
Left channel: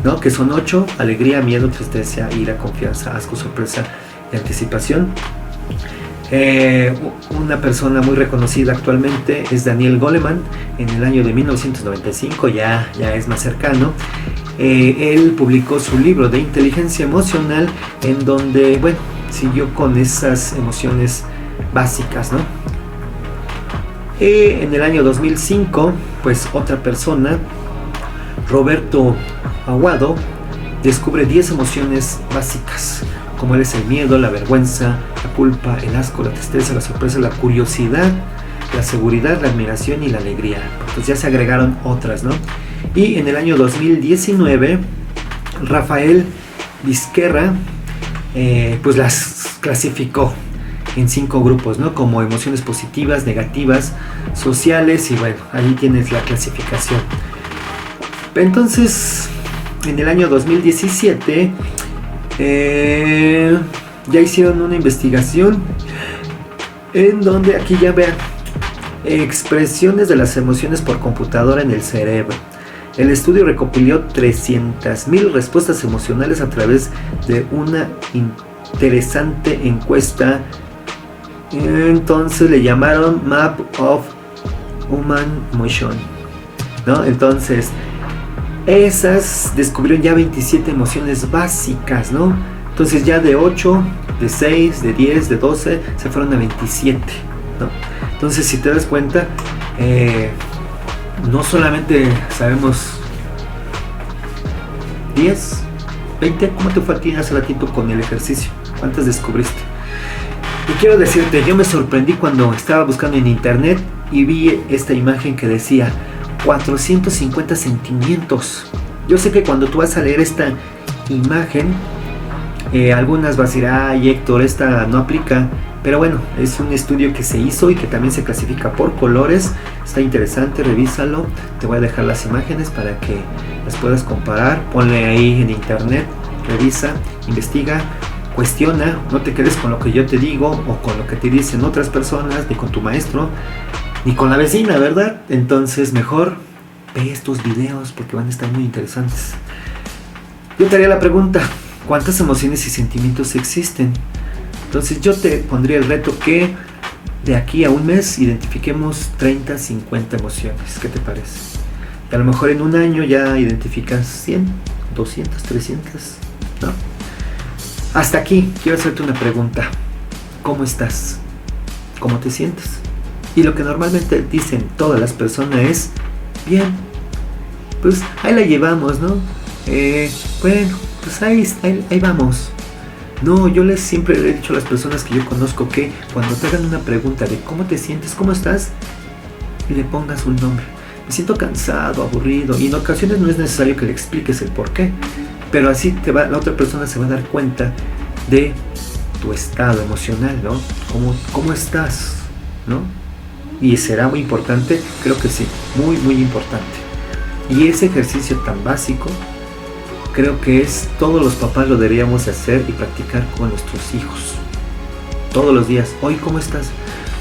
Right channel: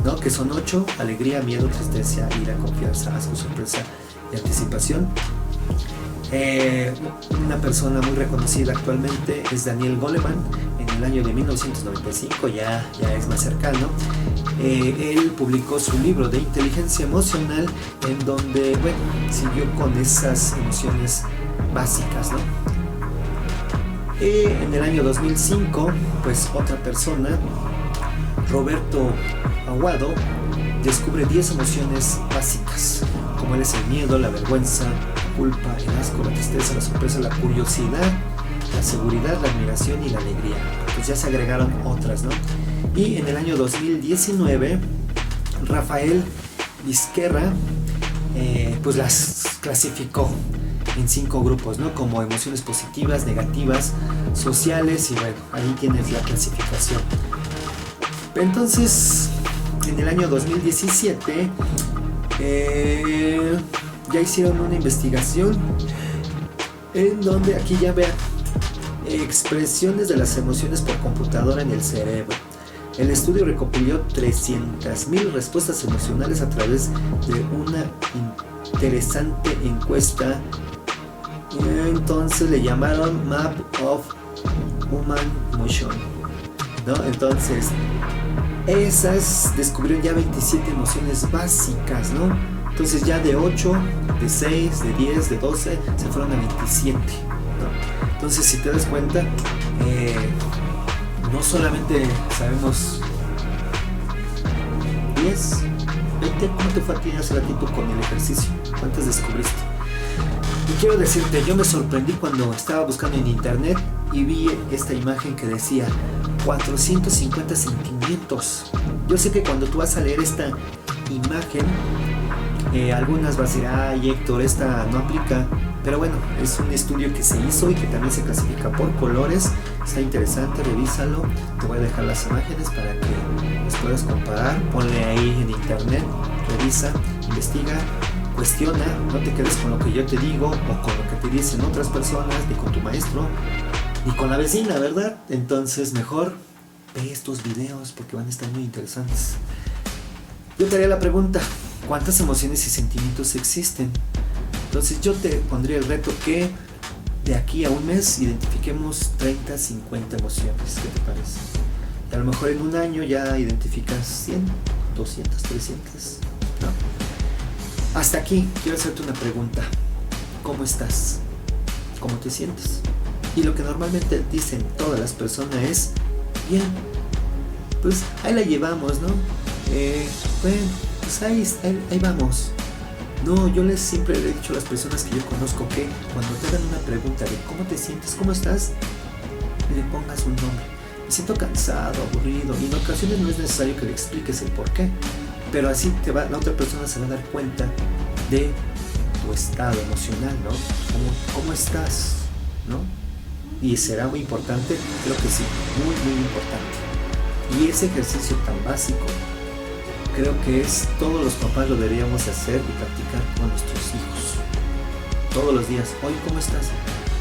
¿no? Que son 8: alegría, miedo, tristeza, ira, confianza, asco, sorpresa y anticipación. Una persona muy reconocida actualmente es Daniel Goleman, en el año de 1995, ya es más cercano. Él publicó su libro de inteligencia emocional, en donde, bueno, siguió con esas emociones básicas, ¿no? En el año 2005, pues otra persona, Roberto Aguado, descubre 10 emociones básicas, como es el miedo, la vergüenza, la culpa, el asco, la tristeza, la sorpresa, la curiosidad, la seguridad, la admiración y la alegría. Pues ya se agregaron otras, ¿no? Y en el año 2019, Rafael Vizquerra pues las clasificó en 5 grupos, ¿no? Como emociones positivas, negativas, sociales, y bueno, ahí tienes la clasificación. Entonces, en el año 2017 ya hicieron una investigación en donde, aquí ya vean, expresiones de las emociones por computadora en el cerebro. El estudio recopiló 300,000 respuestas emocionales a través de una interesante encuesta. Entonces le llamaron Map of Human Emotion, ¿no? Entonces esas descubrieron ya 27 emociones básicas, ¿no? Entonces ya de 8, de 6, de 10, de 12 se fueron a 27, ¿no? Entonces, si te das cuenta, no solamente sabemos 10, 20. ¿Cómo te fue a ti hace ratito con el ejercicio? ¿Cuántas descubriste? Y quiero decirte, yo me sorprendí cuando estaba buscando en internet y vi esta imagen que decía 450 sentimientos. Yo sé que cuando tú vas a leer esta imagen, algunas vas a decir, ay Héctor, esta no aplica. Pero bueno, es un estudio que se hizo y que también se clasifica por colores. Está interesante, revísalo. Te voy a dejar las imágenes para que las puedas comparar. Ponle ahí en internet, revisa, investiga, cuestiona. No te quedes con lo que yo te digo o con lo que te dicen otras personas, ni con tu maestro, ni con la vecina, ¿verdad? Entonces mejor ve estos videos porque van a estar muy interesantes. Yo te haría la pregunta, ¿cuántas emociones y sentimientos existen? Entonces yo te pondría el reto que de aquí a un mes identifiquemos 30, 50 emociones. ¿Qué te parece? A lo mejor en un año ya identificas 100, 200, 300, ¿no? Hasta aquí quiero hacerte una pregunta. ¿Cómo estás? ¿Cómo te sientes? Y lo que normalmente dicen todas las personas es, bien, pues ahí la llevamos, ¿no? Bueno, pues ahí vamos. No, yo siempre le he dicho a las personas que yo conozco que cuando te hagan una pregunta de cómo te sientes, cómo estás, y le pongas un nombre. Me siento cansado, aburrido, y en ocasiones no es necesario que le expliques el por qué, pero así la otra persona se va a dar cuenta de tu estado emocional, ¿no? ¿Cómo estás? ¿No? Y será muy importante, creo que sí, muy, muy importante. Y ese ejercicio tan básico, creo que todos los papás lo deberíamos hacer y practicar con nuestros hijos. Todos los días. Hoy, ¿cómo estás?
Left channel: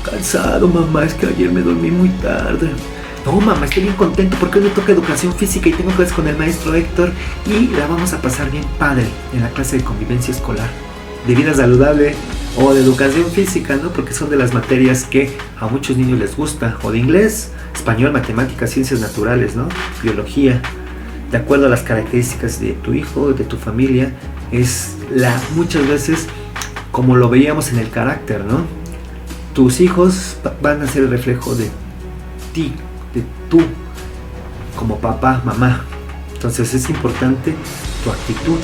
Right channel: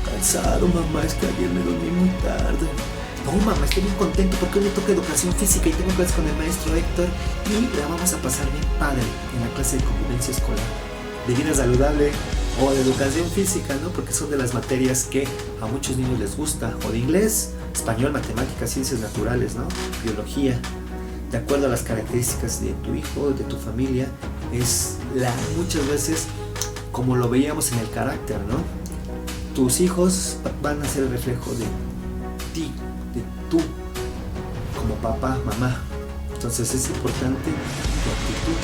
Cansado, mamá, es que ayer me dormí muy tarde. No, mamá, estoy bien contento porque hoy me toca educación física y tengo clases con el maestro Héctor y la vamos a pasar bien padre en la clase de convivencia escolar, de vida saludable o de educación física, ¿no? Porque son de las materias que a muchos niños les gusta, o de inglés, español, matemáticas, ciencias naturales, ¿no? Biología. De acuerdo a las características de tu hijo, de tu familia, muchas veces como lo veíamos en el carácter, ¿no? Tus hijos van a ser el reflejo de ti, de tú, como papá, mamá. Entonces es importante tu actitud.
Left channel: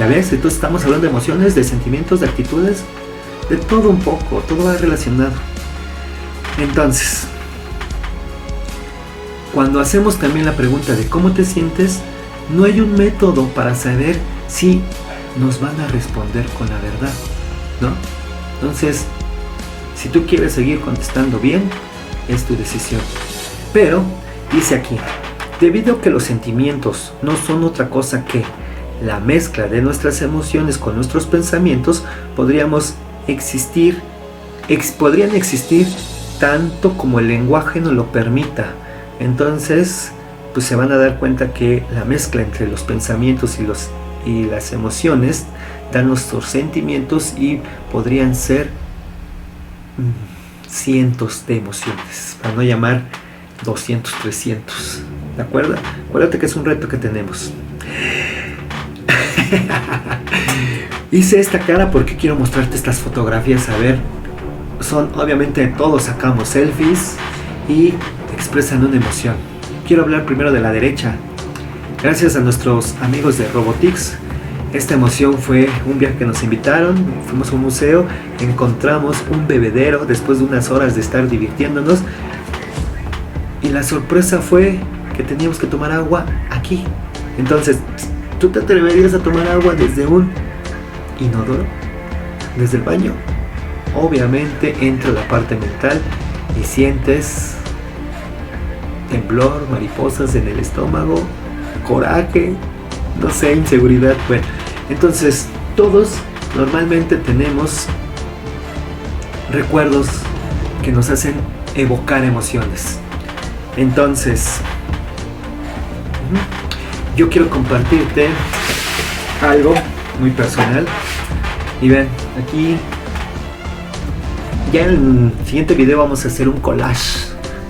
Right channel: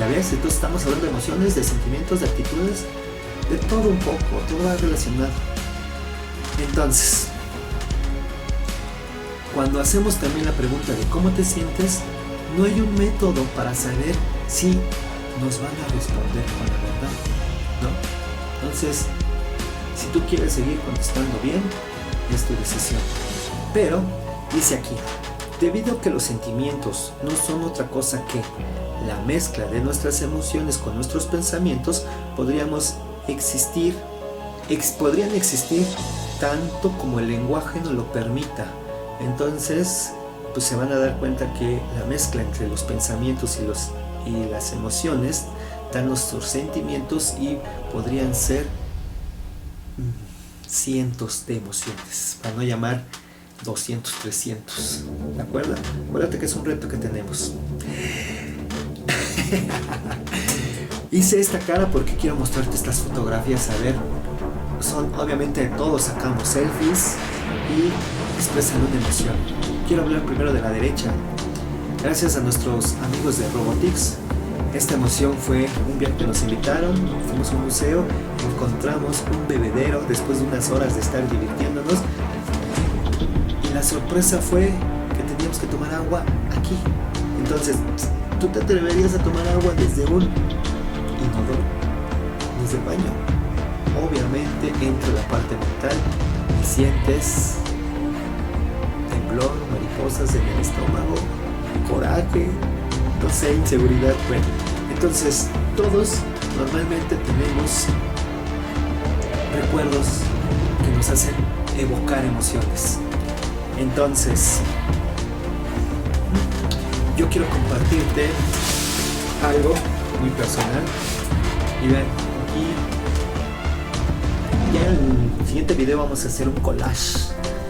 ¿Ya ves? Entonces estamos hablando de emociones, de sentimientos, de actitudes, de todo un poco, todo va relacionado. Entonces, cuando hacemos también la pregunta de cómo te sientes, no hay un método para saber si nos van a responder con la verdad, ¿no? Entonces, si tú quieres seguir contestando bien, es tu decisión. Pero, dice aquí, debido a que los sentimientos no son otra cosa que la mezcla de nuestras emociones con nuestros pensamientos, podrían existir tanto como el lenguaje nos lo permita. Entonces, pues se van a dar cuenta que la mezcla entre los pensamientos y las emociones dan nuestros sentimientos y podrían ser cientos de emociones, para no llamar 200, 300. ¿De acuerdo? Acuérdate que es un reto que tenemos. Hice esta cara porque quiero mostrarte estas fotografías. A ver, obviamente todos sacamos selfies y expresan una emoción. Quiero hablar primero de la derecha. Gracias a nuestros amigos de Robotix, esta emoción fue un viaje que nos invitaron. Fuimos a un museo, encontramos un bebedero después de unas horas de estar divirtiéndonos, y la sorpresa fue que teníamos que tomar agua aquí. Entonces, ¿tú te atreverías a tomar agua desde un inodoro? ¿Desde el baño? Obviamente entra la parte mental y sientes temblor, mariposas en el estómago, coraje, no sé, inseguridad. Bueno, entonces todos normalmente tenemos recuerdos que nos hacen evocar emociones. Entonces, yo quiero compartirte algo muy personal. Y ven, aquí ya en el siguiente video vamos a hacer un collage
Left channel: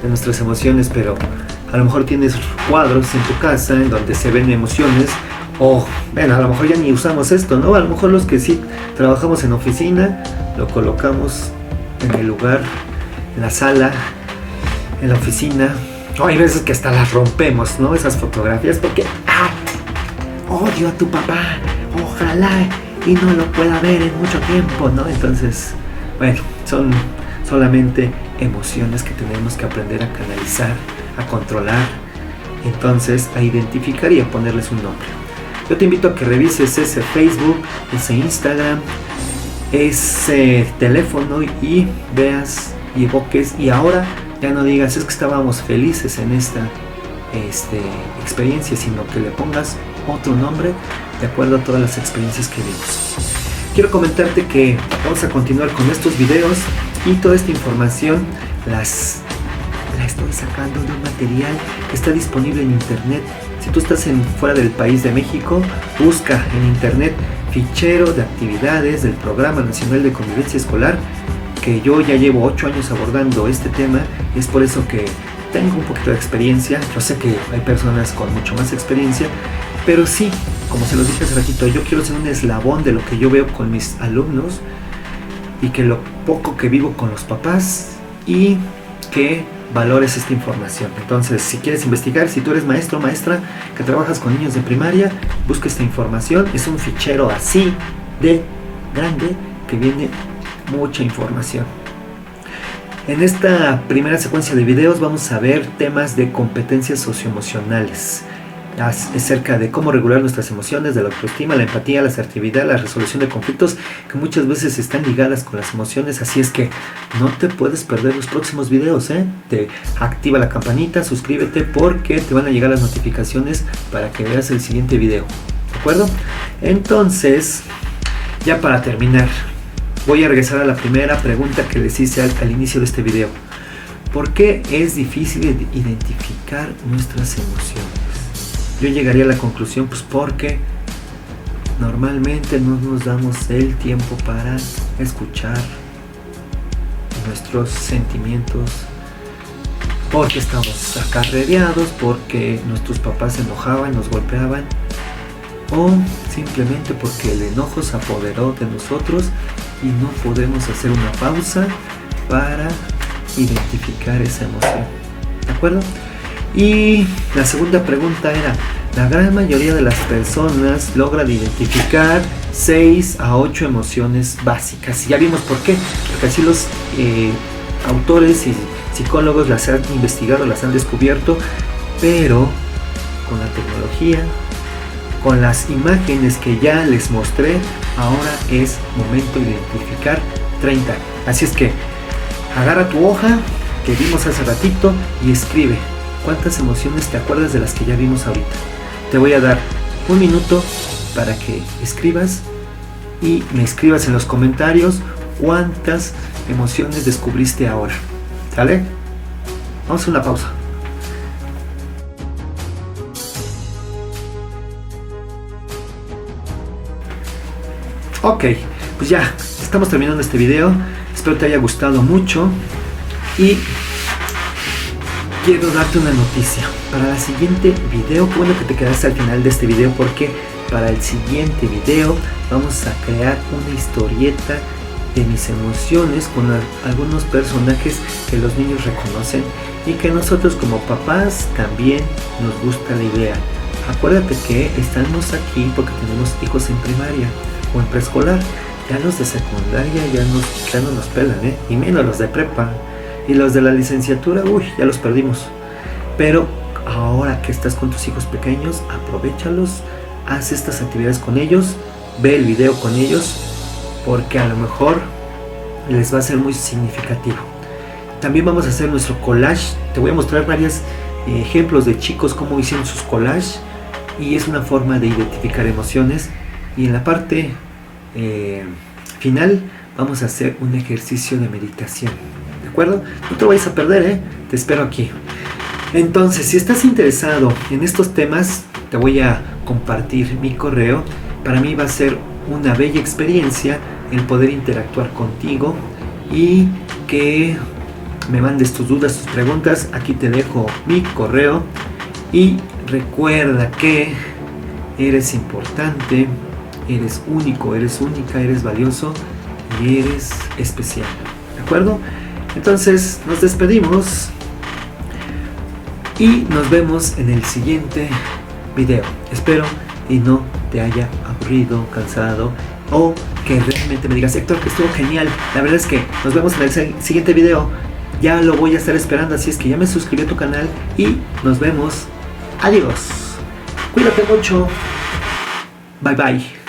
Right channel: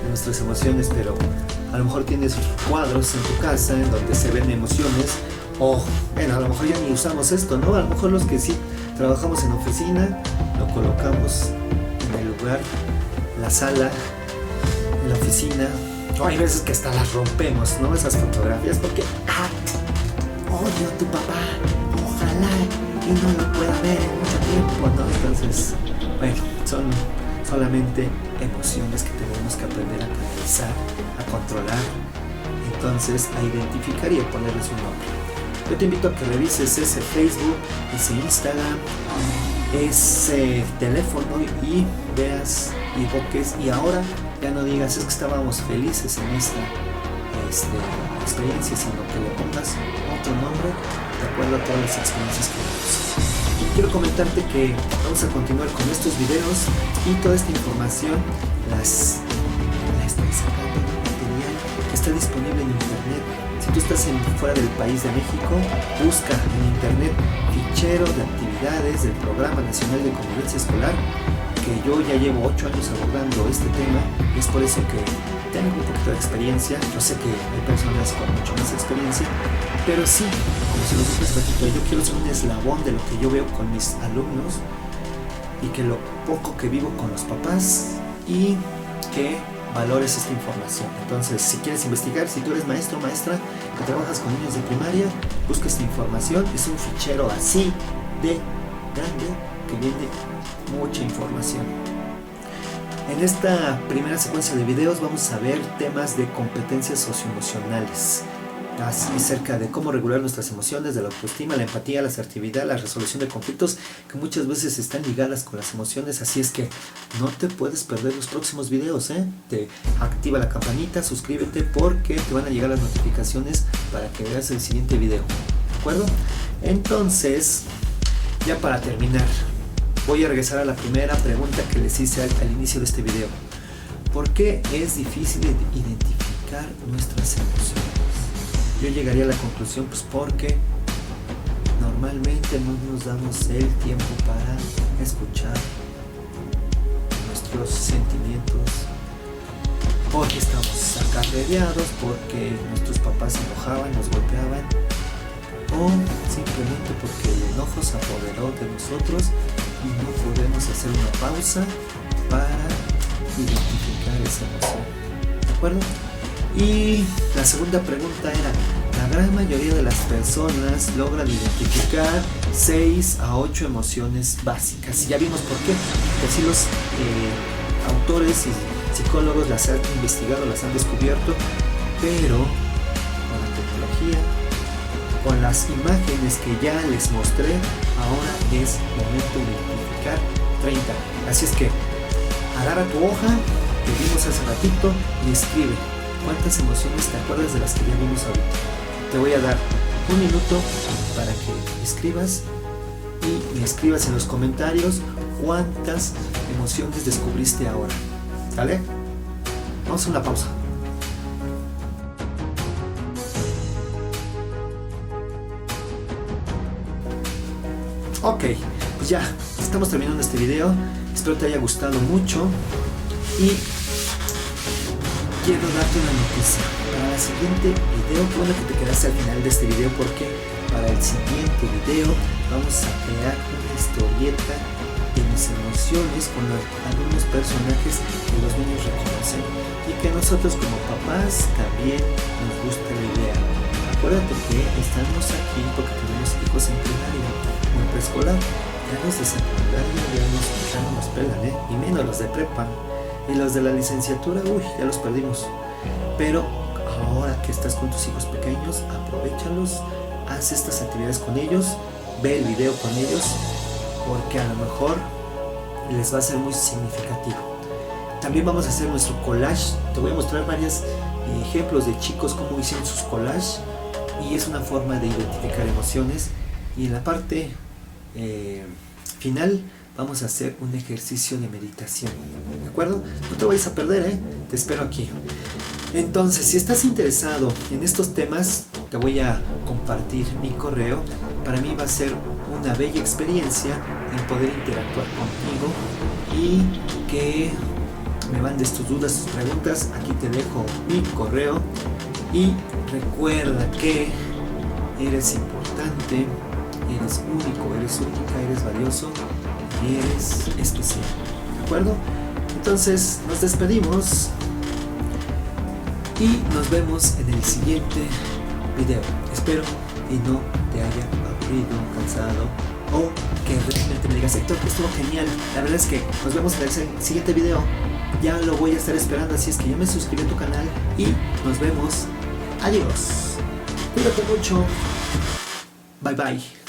de nuestras emociones, pero a lo mejor tienes cuadros en tu casa en donde se ven emociones, o bueno, a lo mejor ya ni usamos esto, ¿no? A lo mejor los que sí trabajamos en oficina lo colocamos en el lugar, en la sala, en la oficina. Hay veces que hasta las rompemos, ¿no? Esas fotografías porque odio a tu papá, ojalá y no lo pueda ver en mucho tiempo, ¿no? Entonces, bueno, son solamente emociones que tenemos que aprender a canalizar, a controlar, entonces a identificar y a ponerles un nombre. Yo te invito a que revises ese Facebook, ese Instagram, ese teléfono y veas y evoques, y ahora ya no digas es que estábamos felices en esta experiencia, sino que le pongas otro nombre de acuerdo a todas las experiencias que vimos. Quiero comentarte que vamos a continuar con estos videos y toda esta información la estoy sacando de un material que está disponible en internet. Si tú estás fuera del país de México, busca en internet fichero de actividades del Programa Nacional de Convivencia Escolar, que yo ya llevo 8 años abordando este tema, y es por eso que tengo un poquito de experiencia. Yo sé que hay personas con mucho más experiencia, pero sí, como se los dije hace ratito, yo quiero ser un eslabón de lo que yo veo con mis alumnos y que lo poco que vivo con los papás, y que valores esta información. Entonces, si quieres investigar, si tú eres maestro o maestra que trabajas con niños de primaria, busca esta información. Es un fichero así de grande que viene mucha información. En esta primera secuencia de videos vamos a ver temas de competencias socioemocionales, acerca de cómo regular nuestras emociones, de la autoestima, la empatía, la asertividad, la resolución de conflictos, que muchas veces están ligadas con las emociones. Así es que no te puedes perder los próximos videos, Te activa la campanita, suscríbete, porque te van a llegar las notificaciones para que veas el siguiente video, ¿de acuerdo? Entonces, ya para terminar, voy a regresar a la primera pregunta que les hice al inicio de este video. ¿Por qué es difícil identificar nuestras emociones? Yo llegaría a la conclusión, pues porque normalmente no nos damos el tiempo para escuchar nuestros sentimientos, porque estamos acarreados, porque nuestros papás se enojaban, nos golpeaban, o simplemente porque el enojo se apoderó de nosotros y no podemos hacer una pausa para identificar esa emoción, ¿de acuerdo? Y la segunda pregunta era, la gran mayoría de las personas logran identificar 6 a 8 emociones básicas. Y ya vimos por qué, porque así los autores y psicólogos las han investigado, las han descubierto, pero con la tecnología, con las imágenes que ya les mostré, ahora es momento de identificar 30. Así es que agarra tu hoja que vimos hace ratito y escribe cuántas emociones te acuerdas de las que ya vimos ahorita. Te voy a dar un minuto para que escribas y me escribas en los comentarios cuántas emociones descubriste ahora. ¿Sale? Vamos a una pausa. Ok, pues ya estamos terminando este video. Espero te haya gustado mucho y quiero darte una noticia. Para el siguiente video, bueno que te quedaste al final de este video, porque para el siguiente video vamos a crear una historieta de mis emociones con algunos personajes que los niños reconocen y que nosotros como papás también nos gusta la idea. Acuérdate que estamos aquí porque tenemos hijos en primaria o en preescolar. Ya los de secundaria ya no nos pelan, y menos los de prepa. Y los de la licenciatura, ya los perdimos. Pero ahora que estás con tus hijos pequeños, aprovéchalos, haz estas actividades con ellos, ve el video con ellos, porque a lo mejor les va a ser muy significativo. También vamos a hacer nuestro collage. Te voy a mostrar varios ejemplos de chicos cómo hicieron sus collages, y es una forma de identificar emociones. Y en la parte final vamos a hacer un ejercicio de meditación, ¿de acuerdo? No te vayas a perder, te espero aquí. Entonces, si estás interesado en estos temas, te voy a compartir mi correo. Para mí va a ser una bella experiencia el poder interactuar contigo y que me mandes tus dudas, tus preguntas. Aquí te dejo mi correo y recuerda que eres importante, eres único, eres única, eres valioso y eres especial, ¿de acuerdo? Entonces nos despedimos y nos vemos en el siguiente video. Espero y no te haya aburrido. aburrido, cansado, o que realmente me digas, Héctor, estuvo genial. La verdad es que nos vemos en el siguiente video. Ya lo voy a estar esperando, así es que ya me suscribí a tu canal y nos vemos. Adiós. Cuídate mucho. Bye bye.